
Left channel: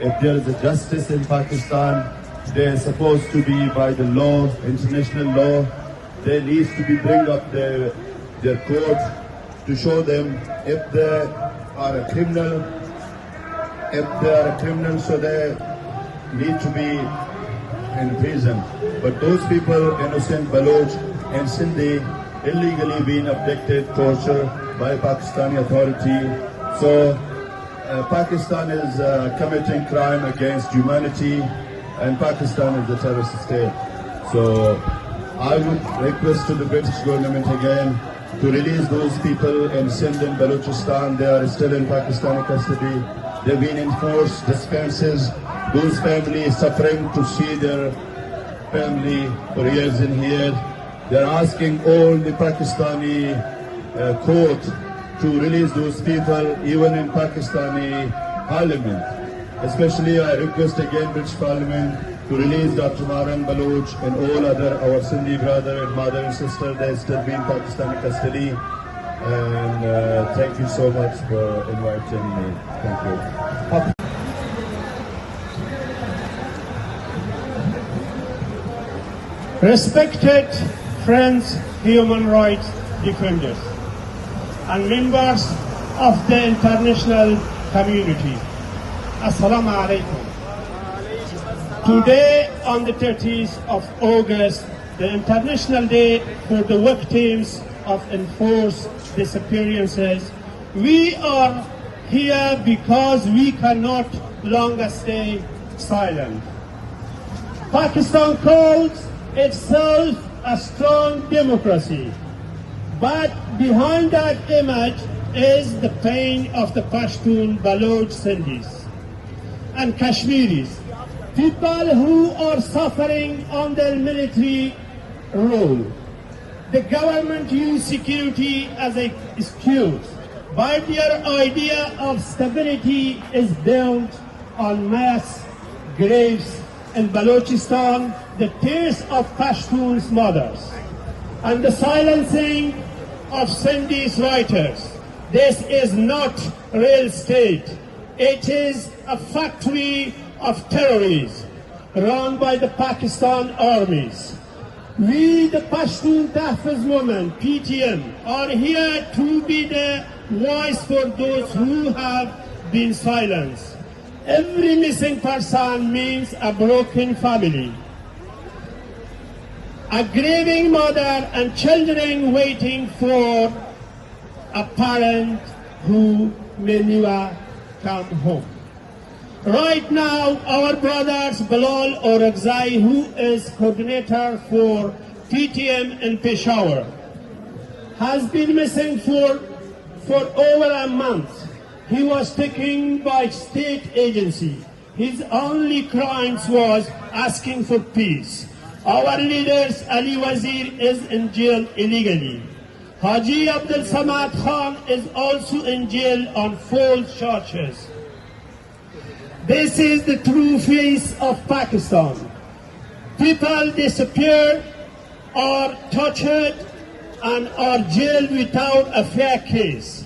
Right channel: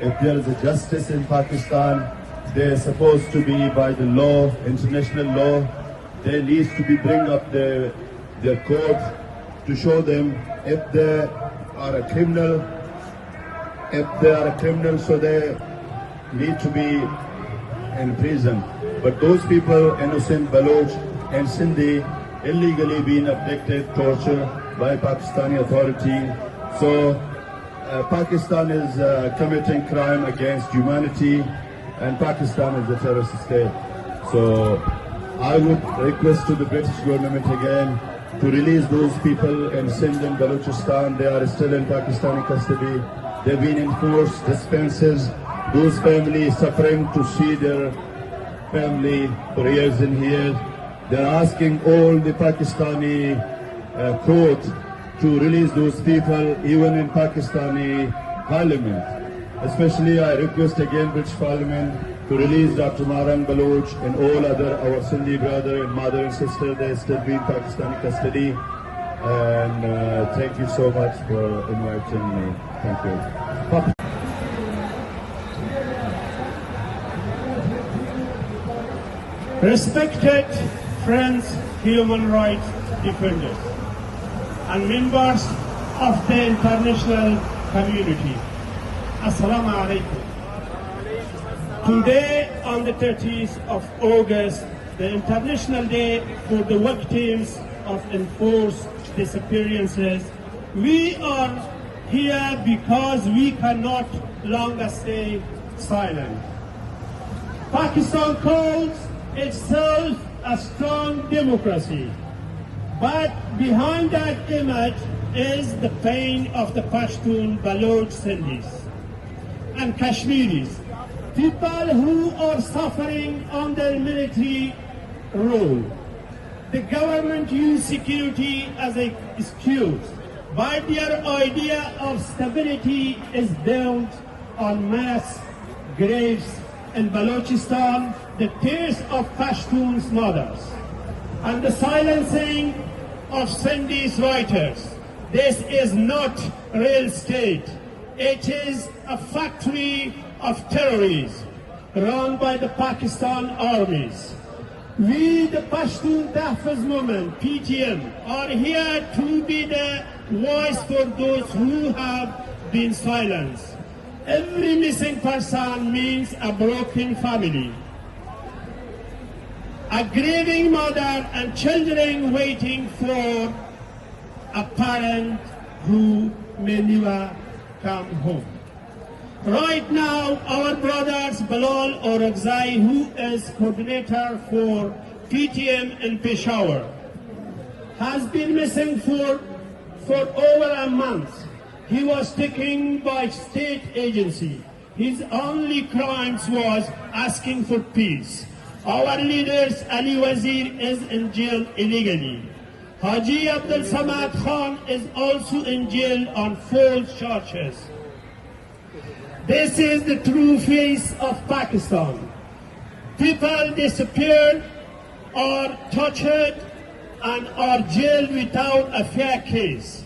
If there is a justice in Pakistan, they are supposed to be by the law, international law. They need to be bring up their court to show them if they are a criminal. If they are a criminal, so they need to be in prison. But those people, innocent Baloch and Sindhi, illegally being abducted, tortured by Pakistani authority. So Pakistan is committing crime against humanity, and Pakistan is a terrorist state. So I would request to the British government again to release those people in Sindh and Balochistan. They are still in Pakistani custody. They've been enforced dispenses. Those families suffering to see their family for years in here. They're asking all the Pakistani court to release those people, even in Pakistani parliament. Especially I request again British Parliament to release Dr. Marang Baloch and all other our Sindhi brother and mother and sister. They still be in Pakistani custody. And thank you so much for inviting me. Thank you. Respected friends, human rights defenders, and members of the international community, Assalamu alaikum. Today, on the 30th of August, the International Day for the victims of enforced disappearances, we are here because we cannot longer stay silent. Pakistan calls itself a strong democracy, but behind that image is the pain of the Pashtun, Baloch, Sindhis and Kashmiris, people who are suffering under military rule. The government used security as an excuse, but their idea of stability is built on mass graves in Balochistan, the tears of Pashtuns' mothers, and the silencing of Sindhi's writers. This is not real state. It is a factory of terrorists run by the Pakistan armies. We, the Pashtun Tahfiz movement, PTM, are here to be the voice for those who have been silenced. Every missing person means a broken family, a grieving mother and children waiting for a parent who may never come home. Right now, our brothers Bilal Orakzai, who is coordinator for PTM in Peshawar, has been missing for over a month. He was taken by state agency. His only crimes was asking for peace. Our leaders, Ali Wazir, is in jail illegally. Haji Abdul Samad Khan is also in jail on false charges. This is the true face of Pakistan. People disappeared or tortured and are jailed without a fair case.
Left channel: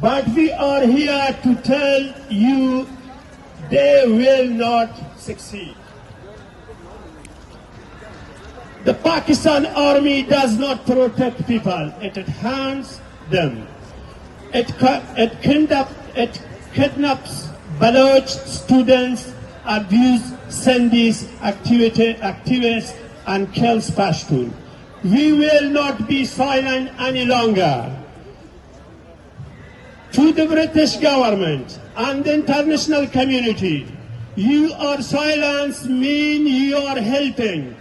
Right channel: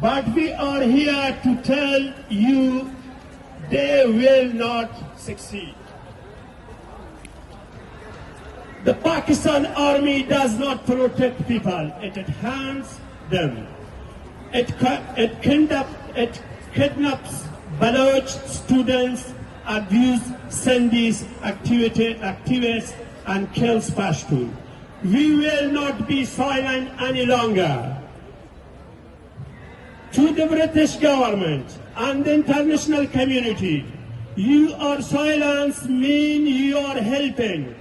But we are here to tell you they will not succeed. The Pakistan army does not protect people, it harms them. It kidnaps Baloch students, abuses Sindhis activists, and kills Pashtun. We will not be silent any longer. To the British government and the international community, your silence means you are helping.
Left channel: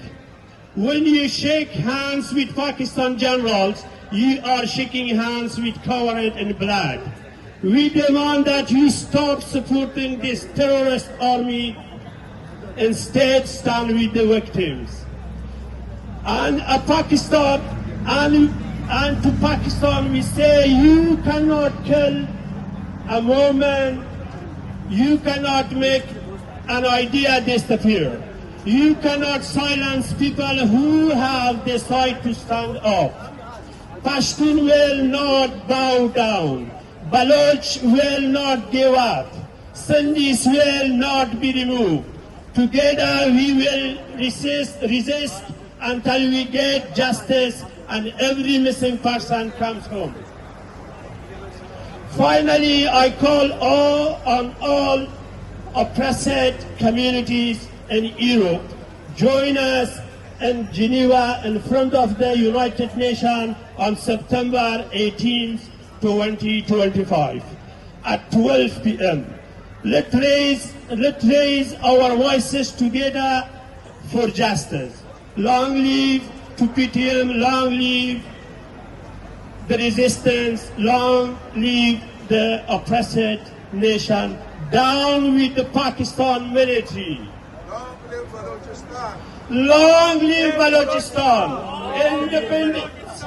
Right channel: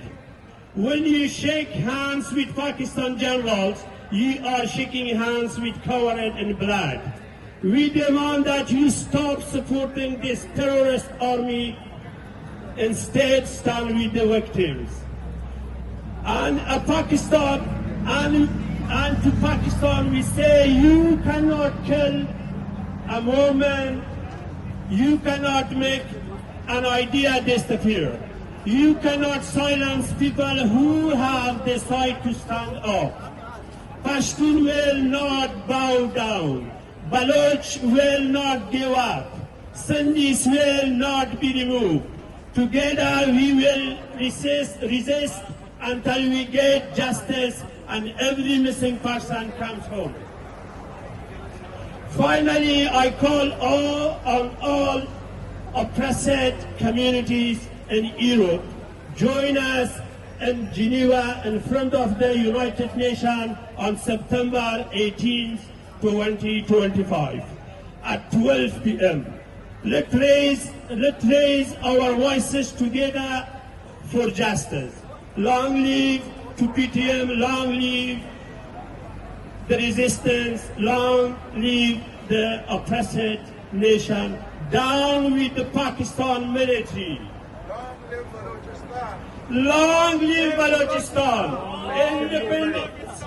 When you shake hands with Pakistan generals, you are shaking hands with covered in blood. We demand that you stop supporting this terrorist army, instead stand with the victims. And to Pakistan we say, you cannot kill a moment, you cannot make an idea disappear. You cannot silence people who have decided to stand up. Pashtun will not bow down. Baloch will not give up. Sindhis will not be removed. Together we will resist until we get justice and every missing person comes home. Finally, I call on all oppressed communities in Europe, join us in Geneva in front of the United Nations on September 18th, 2025 at 12 p.m. Let's raise our voices together for justice. Long live to PTM, long live the resistance, long live the oppressed nation. Down with the Pakistan military. Long live Balochistan. Independence.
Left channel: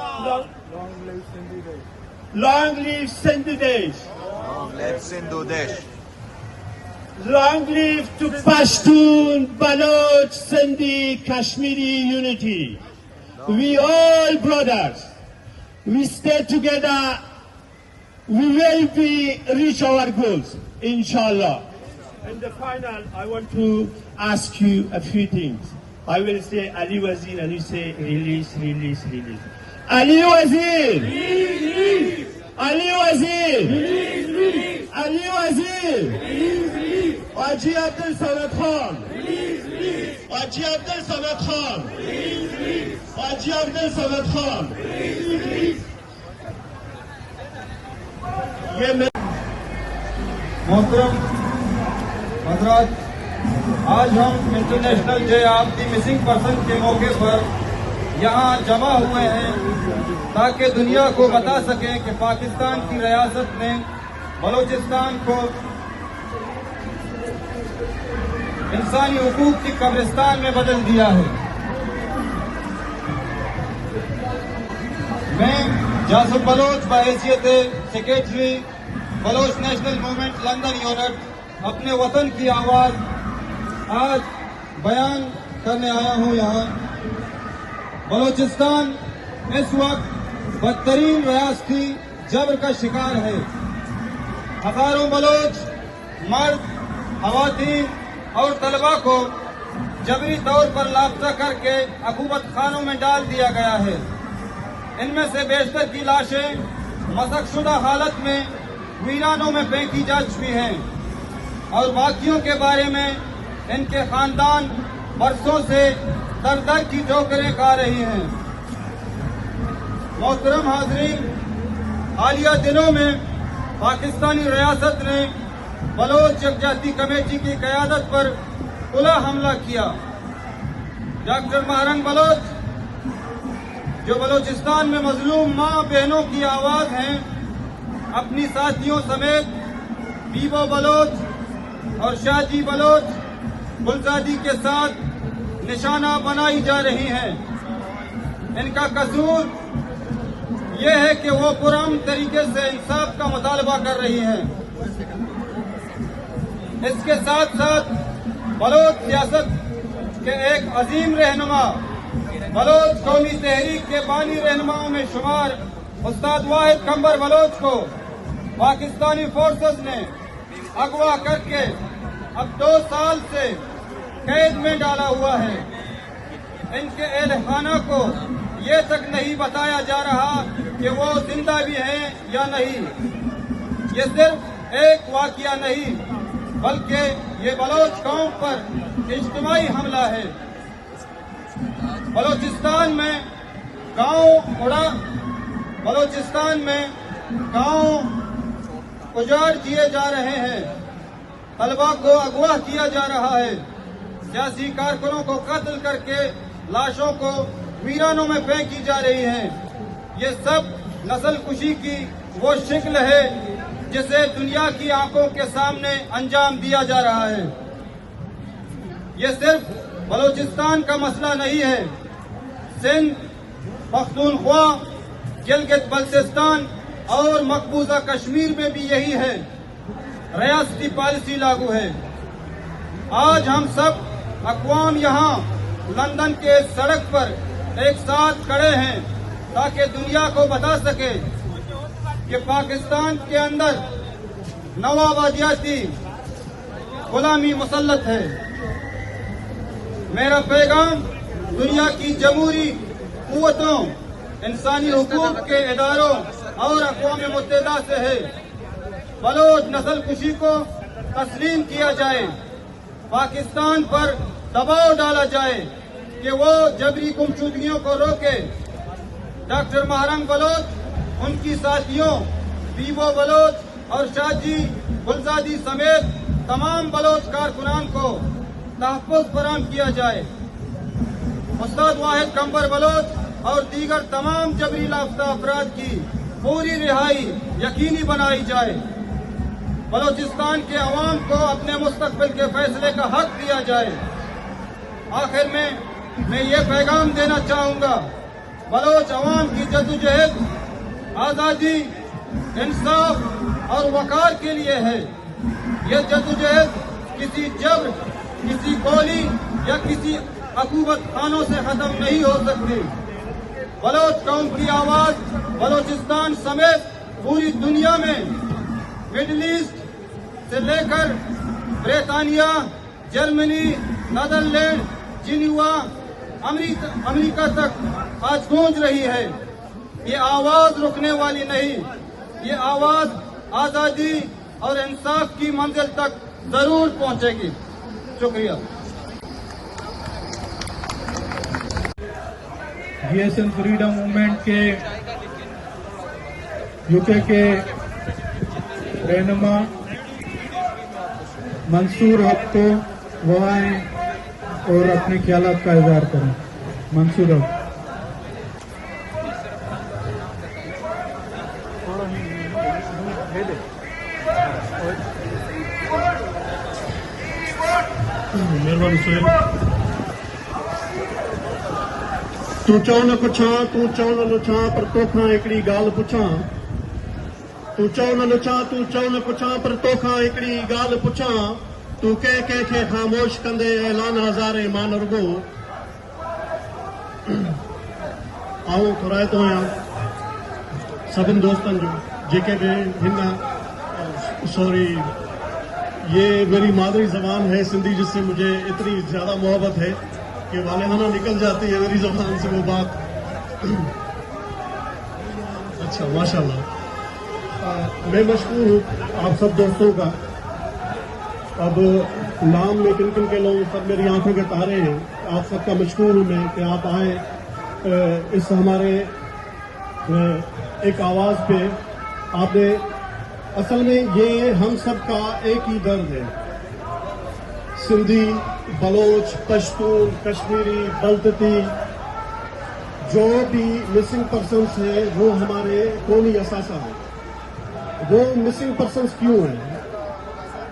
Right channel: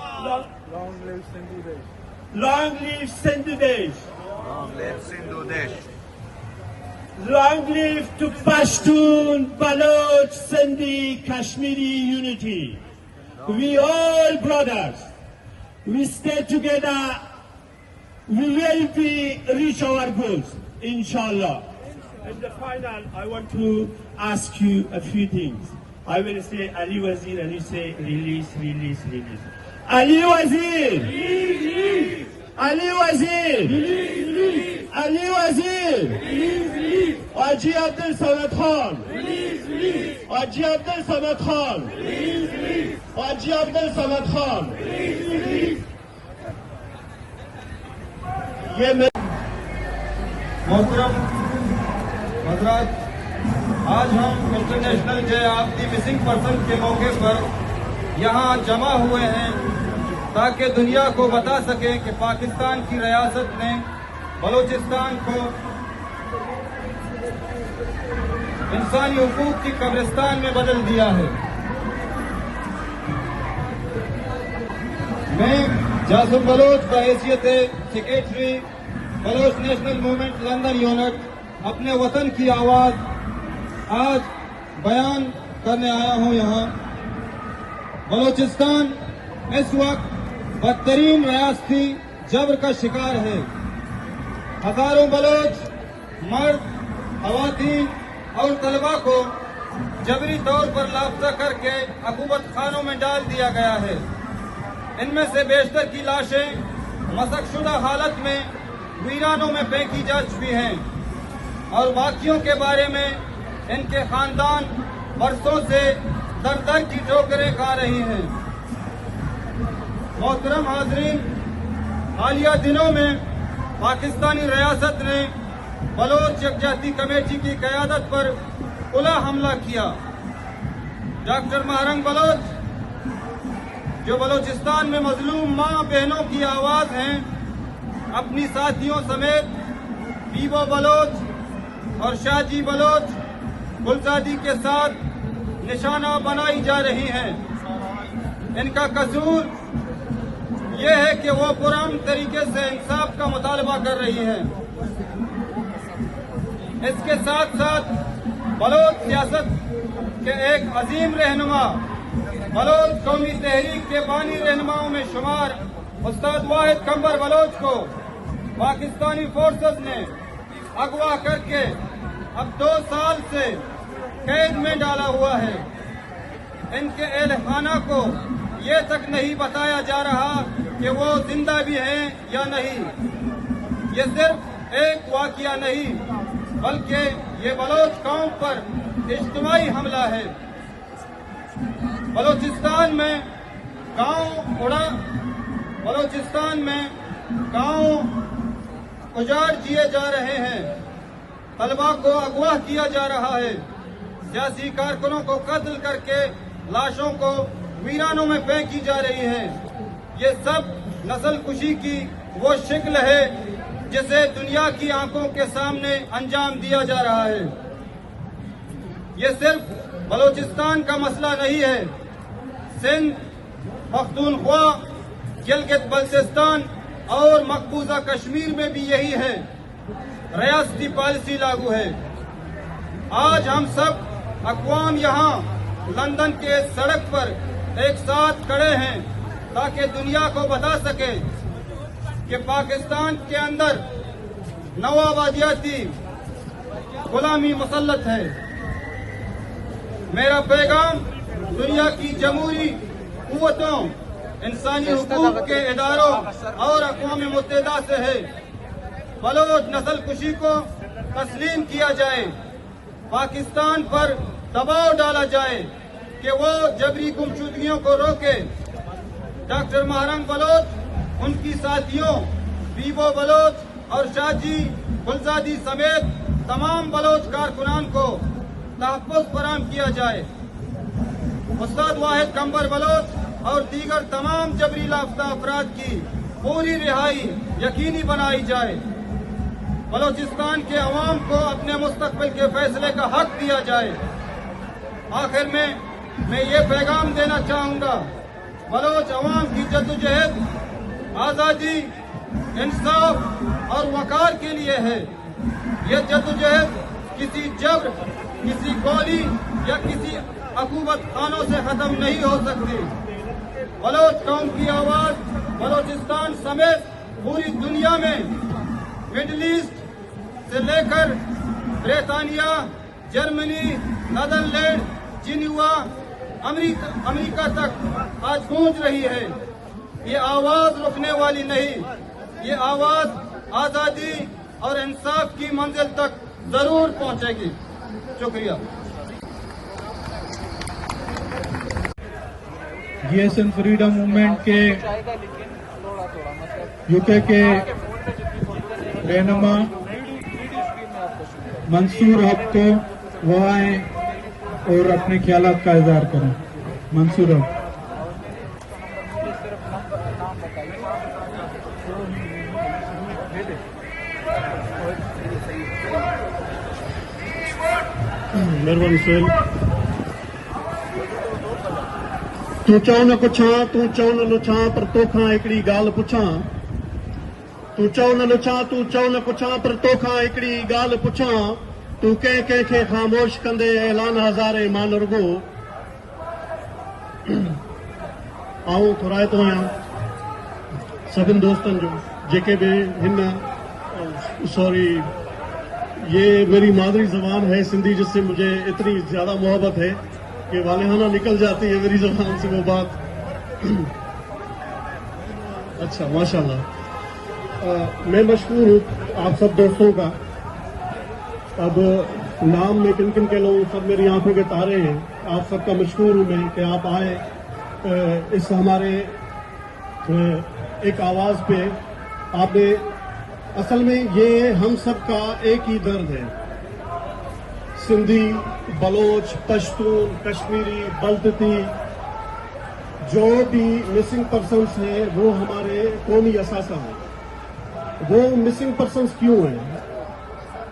Long live Sindhu Desh. Long live Sindhu Desh. Long live to Pashtun, Baloch, Sindhi, Kashmiri unity. We all brothers. We stay together. We will reach our goals, inshallah. In the final, I want to ask you a few things. I will say Ali Wazir and you say release, release, release. Ali Wazir! Release! Ali Wazir! Release, release! Ali Wazir! Release, release! Haji Abdul Samad Khan! Release, release! Haji Abdul Samad Khan! Release, release! Haji Abdul Samad Khan! Release, release! मोहतरम हजरात, आज हम international day of the missing person के मौके पर यहाँ जमा हुए हैं ताकि दुनिया को बता सकें कि पाकिस्तान की रियासत ने बलूचिस्तान को इंसानी हुकूक की कब्रिस्तान में बदल दिया है। मैं जासिम बलोच बहैसियत secretary Baloch national movement London unit अपने वतन की आवाज आज बयान करने आया हूं यहाँ। बलूचिस्तान इस वक्त बदतरीन रियासती जबर का शिकार है। हजारों बलोच मर्द, खवातीन और तलबा को जबरी तौर पर लापता करके अकूबत खानों में डाल दिया गया है। इनमें से बेशतर की लाशें मसकशुदा हालत में वीरानों में फेंकी जा चुकी हैं और बाकियों के बारे में इनके खानदान बरसों से दर दर की ठोकरें खा रही हैं। मोहतरम हाजरीन, हालिया दिनों में पाकिस्तानी रियासत ने बलोच यकजाती कमेटी की क़यादत पर खुला हमला किया। डॉक्टर महरंग बलोच, जो बलोचिस्तान में मजलूम माँ बहनों की आवाज़ हैं, अपनी साथियों समेत बीबो बलोच और शाहजी बलोच गुलजादी के साथ निशाना बनाई जा रही हैं। इनका कसूर ये है कि वो पुरअमन तरीके से इंसाफ का मुतालबा कर रही हैं। इसके साथ साथ बलोच सियासत के एक अजीम रहनुमा, बलोच कौमी तहरीक के बानी रहनुमाओं में शुमार उस्ताद वाहिद कंबर बलोच को पाकिस्तानी फोर्सेस ने अगवा करके अब 2 साल से कैद में डाला हुआ है। इनके अहल खाना को ये तक नहीं बताया जा रहा कि वो जिंदा भी हैं या नहीं। ये सिर्फ एक वाकया नहीं बल्कि ये बलोच कौम पर इज्तिमाई हमला है। बलोचिस्तान में गांव उजाड़ दिए जा रहे हैं, तलबा को अगवा किया जा रहा है, सियासी कारकुनों को कत्ल करके लाशों को वीरानों में फेंकी जा रही है। ये सब नस्ल कुशी की वो शिक्ल है जिसे दुनिया की आंखों के सामने अंजाम दिया जा रहा है। ये सिर्फ बलूचिस्तान का मसला नहीं है, सिंध, पख्तूनख्वा, गिलगित बल्तिस्तान और मकबूजा कश्मीर में भी यही है। रियासती पॉलिसी लागू है। आज हम सब अक़वाम यहाँ लंदन के सड़क पर एक साथ खड़े हैं ताकि दुनिया को बता सके कि पाकिस्तान के अंदर नवाबादियाती गुलामी मुसल्लत है। मेरा पैगाम दुनिया की जमहूरी कुव्वतों, इंसानी हुकूक के इदारों और अक़वाम मुत्तहिदा से है। बलोच नस्ल कुशी को तस्लीम किया जाए, पाकिस्तान पर दबाव डाला जाए कि वो जबरी गुमशुदगियों को रोके। डॉक्टर महरंग बलोच, उनकी साथियों बीबो बलोच और शाहजी गुलजादी समेत तमाम बलोच कारकुनान को तहफ़्फ़ुज़ फराहम किया जाए। उस्ताद वाहिद कंबर बलोच और दीगर तमाम जबरी लापता अफराद की पूरी रिहाई यकीनी बनाई जाए। बलोचिस्तान के अवाम को अपने मुस्तकबिल के फैसले का हक दिया जाए। आखिर में मैं ये पैगाम देना चाहूँगा, बलोच अवाम की जद्दोजहद आज़ादी, इंसाफ और वक़ार के लिए है। ये जद्दोजहद किसी जबर, किसी गोली या किसी अकूबत खानों से खत्म नहीं हो सकती। बलोच कौम की आवाज बलोचिस्तान समेत पूरी दुनिया में, मिडिल ईस्ट से लेकर ब्रितानिया, जर्मनी, नीदरलैंड, जिनेवा, अमेरिका तक आज गूंज रही है। ये आवाज रुकने वाली नहीं, ये आवाज आजादी और इंसाफ की मंजिल तक जरूर पहुंचेगी। शुक्रिया। जीएसएम फ्रीडम मूवमेंट के यूके के रहनुमा मंसूर हक को वो आए और अपने ख्यालात का इज़हार करें। मंसूर हक। मेहरबानी सोहेल। तू चओ न पुछां, तू चओ न लुछां, पर तोखां हिकिड़ी ॻाल्हि पुछां। तू चओ न लुछां, तू चओ न पुछां, पर तोखां हिकिड़ी ॻाल्हि पुछां। तू के ख़ामोश कंदे ऐलान हज़ारे मान रुगो आऊं थोराए तो आहियां सभिनि दोस्तनि जो जेके भी हिन सॉरी ये मेरी मादरी ज़बान है सिंधी जिससे मुझे इतनी ज़्यादा मोहब्बत है कि वालिदाना निकल जाती है मेरी ज़बान से वो बात। अच्छा माशाल्लाह मैं मशहूर हूँ आप सब दोस्तों का। अब नाम में किन किन के लोग सब मेरी आंखों के तारे हैं। आप सबका मशहूर हूँ मैं कि आप आए इस हमारे एक आवाज़ पे। आपने असल में ये हम सब का एक ही दर्द है। सिंधी, बलोच, पश्तून, कश्मीरी, बल्ती, जो भी मिसिंग पर्सन्स हैं वो हमारे कौमी असासा है। वो मिसिंग पर्सन्स क्यों हैं?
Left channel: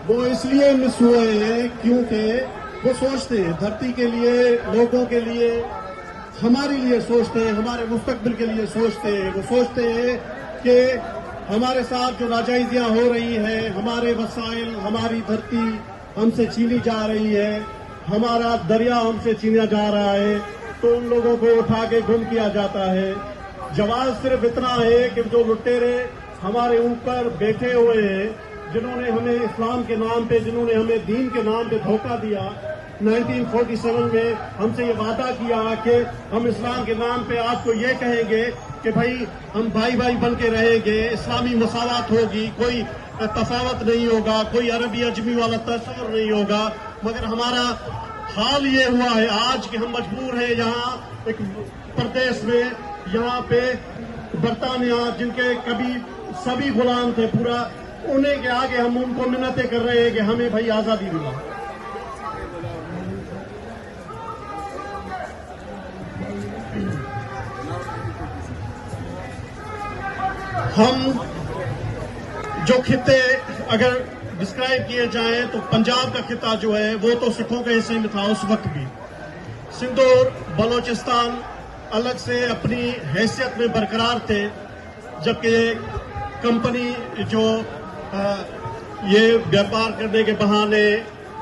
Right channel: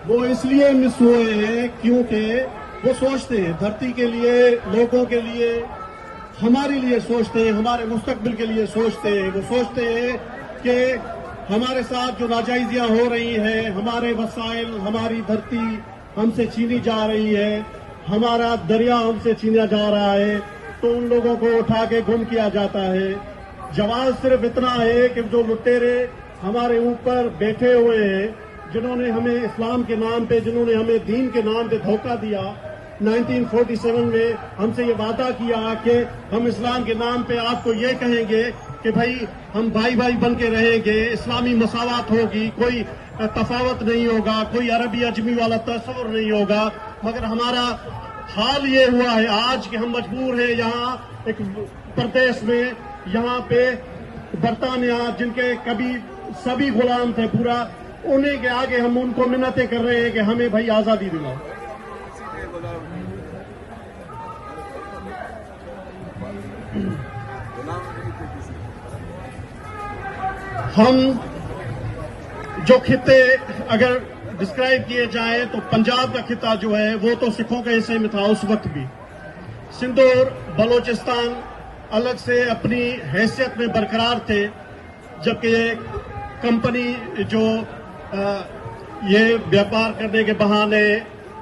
वो इसलिए मिस हुए हैं क्योंकि वो सोचते हैं धरती के लिए, लोगों के लिए, हमारे लिए सोचते हैं, हमारे मुस्तकबिल के लिए सोचते हैं। वो सोचते हैं कि हमारे साथ जो नाजायजियां हो रही है, हमारे वसाइल, हमारी धरती हमसे छीनी जा रही है, हमारा दरिया हमसे छीना जा रहा है, तो उन लोगों को उठा के गुम किया जाता है। जवाब सिर्फ इतना है कि जो लुटेरे हमारे ऊपर बैठे हुए हैं, जिन्होंने हमें इस्लाम के नाम पे, जिन्होंने हमें दीन के नाम पे धोखा दिया, 1947 में हमसे ये वादा किया कि हम इस्लाम के नाम पे आपको ये कहेंगे कि भाई हम भाई भाई बन के रहेंगे, इस्लामी मसावत होगी, कोई तफावत नहीं होगा, कोई अरबी अजमी वाला तस्वर नहीं होगा। मगर हमारा हाल ये हुआ है आज कि हम मजबूर हैं यहाँ एक प्रदेश में, यहाँ पे बरतानिया जिनके कभी सभी गुलाम थे पूरा, उन्हीं के आगे हम उनको मिन्नतें कर रहे हैं कि हमें भाई आज़ादी दिलाओ। हम जो खित्ते अगर डिस्क्राइब किए जाएं तो पंजाब का खिता जो है वो तो सिखों के हिस्से में था उस वक्त भी। सिंध और बलोचिस्तान अलग से अपनी हैसियत में बरकरार थे, जबकि कंपनी जो ये व्यापार करने के बहाने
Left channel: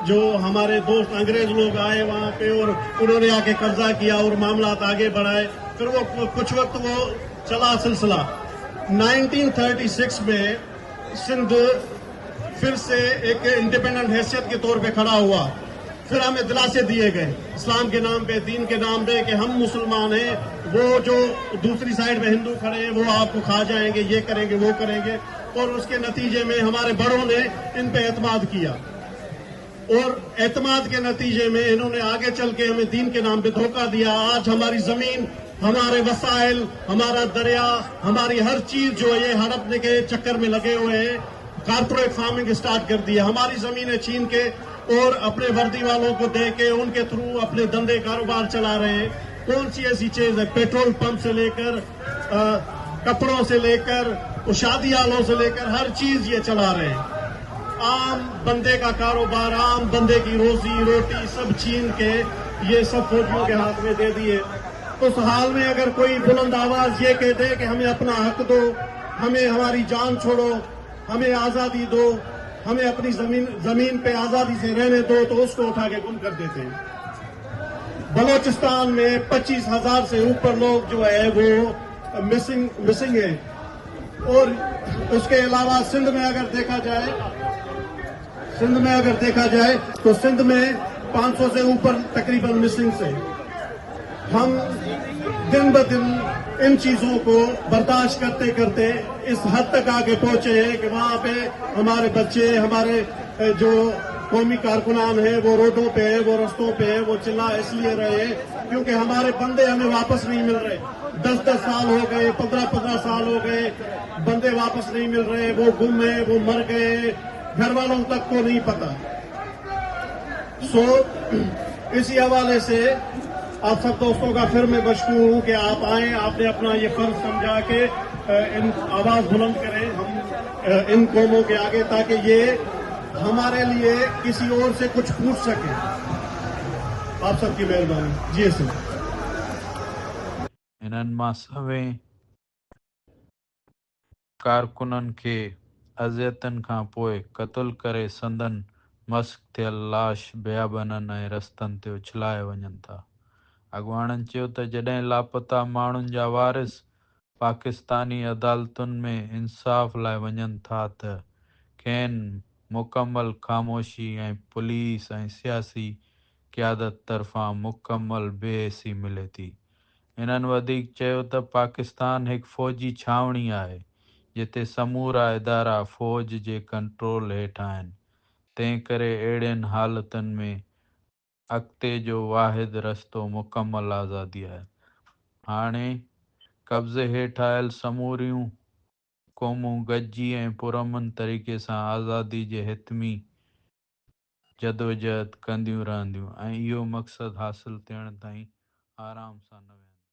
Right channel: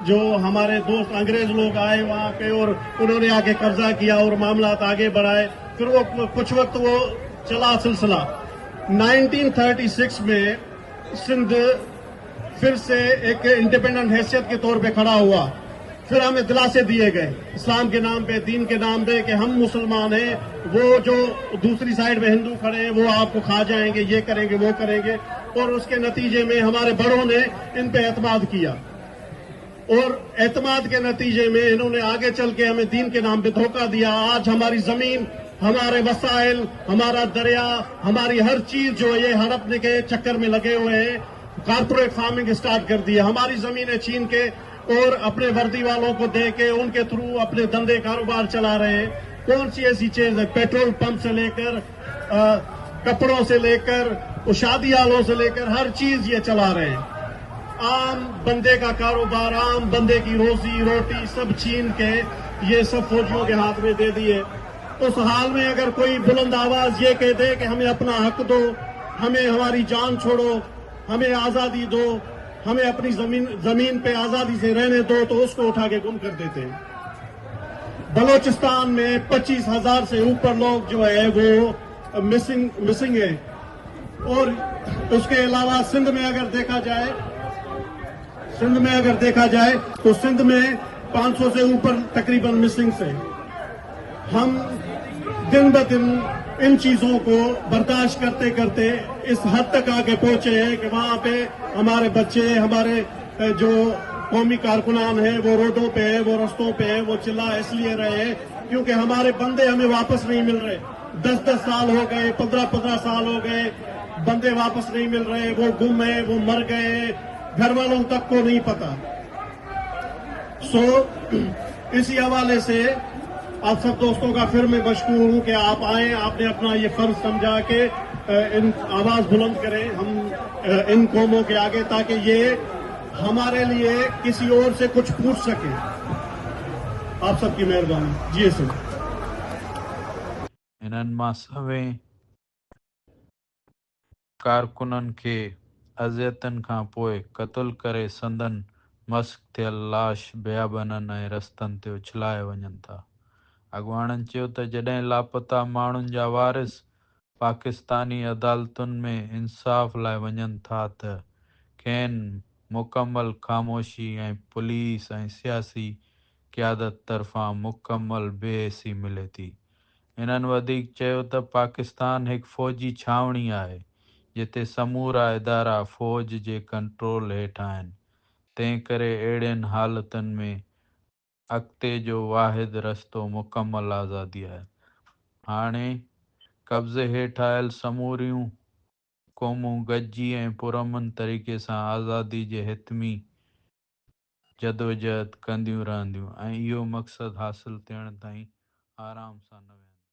जो हमारे दोस्त अंग्रेज लोग आए वहाँ पे और उन्होंने आके कब्जा किया और मामला आगे बढ़ाए, फिर वो कुछ वक्त वो चला सिलसिला। 1936 में सिंध फिर से एक इंडिपेंडेंट हैसियत के तौर पे खड़ा हुआ। फिर हमें दिलासे दिए गए इस्लाम के नाम पे, दीन के नाम पे कि हम मुसलमान हैं, वो जो दूसरी साइड में हिंदू खड़े हैं वो आपको खा जाएंगे, ये करेंगे, वो करेंगे। और उसके नतीजे में हमारे बड़ों ने इन पे एतमाद किया और एतमाद के नतीजे में इन्होंने आगे चल के हमें दीन के नाम पे धोखा दिया। आज हमारी जमीन, हमारे वसाइल, हमारा दरिया, हमारी हर चीज जो ये हड़पने के चक्कर में लगे हुए हैं, कारपोरेट फार्मिंग स्टार्ट कर दिया, हमारी जमीनें छीन के और अपने वर्दी वालों को दे के उनके थ्रू अपने धंधे कारोबार चला रहे हैं। कौन सी ऐसी चीज है? पेट्रोल पंप से लेकर कपड़ों से लेकर शादी हालों से लेकर हर चीज ये चला रहे हैं। आम बंदे का कारोबार, आम बंदे की रोजी रोटी सब छीन के ये सब फौजियों के हाथ में दे दिए। उस हाल में अगर कोई बुलंद आवाज ये कह दे कि हमें अपना हक दो, हमें हमारी जान छोड़ो, हमें आजादी दो, हमें अपनी जमीन पे आजादी से रहने दो, तो उसको उठा के गुम कर देते हैं। बलोचिस्तान में 25,000 से ऊपर लोग जो है वो मिसिंग है। और उसके अलावा सिंध में अगर देखा जाए तो सिंध में 500 से ऊपर तकरीबन मिसिंग से। हम दिन ब दिन इन चीजों को बर्दाश्त करते करते इस हद तक आगे पहुंचे हैं कि वहां पे हमारे बच्चे, हमारे जो कौमी कारकुनान हैं वो रोडों पे है, वो रस्तों पे है, वो चिल्ला इसलिए रहे हैं क्योंकि हमारे बंदे हमें वापस नहीं मिल रहे। 10-10 साल हो गए, 15-15 साल हो गए, बंदे वापस नहीं मिल रहे, वो गुम है, वो मर गए, घर वालों तक को नहीं पता। इसी हवाले से आप सब दोस्तों का फिर मैं मशकूर हूँ कि आप आए, आपने अपना ये फर्ज समझा के इन आवाज बुलंद करें हम इन कौमों के आगे, ताकि ये हमारे लिए किसी और से कुछ पूछ सके। आप सबकी मेहरबानी। जी सुन इन्हनि मां सवें कारकुननि खे अज़ियतनि खां पोइ क़त्ल करे संदन मस्क थियल लाश बियाबननि ऐं रस्तनि ते उछलाए वञनि था। अॻुवाणनि चयो त जॾहिं लापता माण्हुनि जा वारिस पाकिस्तानी अदालतुनि में इंसाफ़ लाइ वञनि था त खेनि मुकमल ख़ामोशी ऐं पुलिस ऐं सियासी क़यादत तरफ़ां मुकमल बेहिसी मिले थी। इन्हनि वधीक चयो त पाकिस्तान हिकु फ़ौजी छावणी आहे जिते समूरा इदारा फ़ौज जे कंट्रोल हेठि आहिनि। तंहिं करे अहिड़ियुनि हालतुनि में अॻिते जो वाहिद रस्तो मुकमल आज़ादी आहे। हाणे कब्ज़े हेठि आयल समूरियूं क़ौमूं गॾिजी ऐं पुरअमन तरीक़े सां आज़ादी जे हितमी जदोजहद कंदियूं रहंदियूं ऐं इहो मक़सदु हासिलु थियण ताईं आराम सां न वेंदियूं।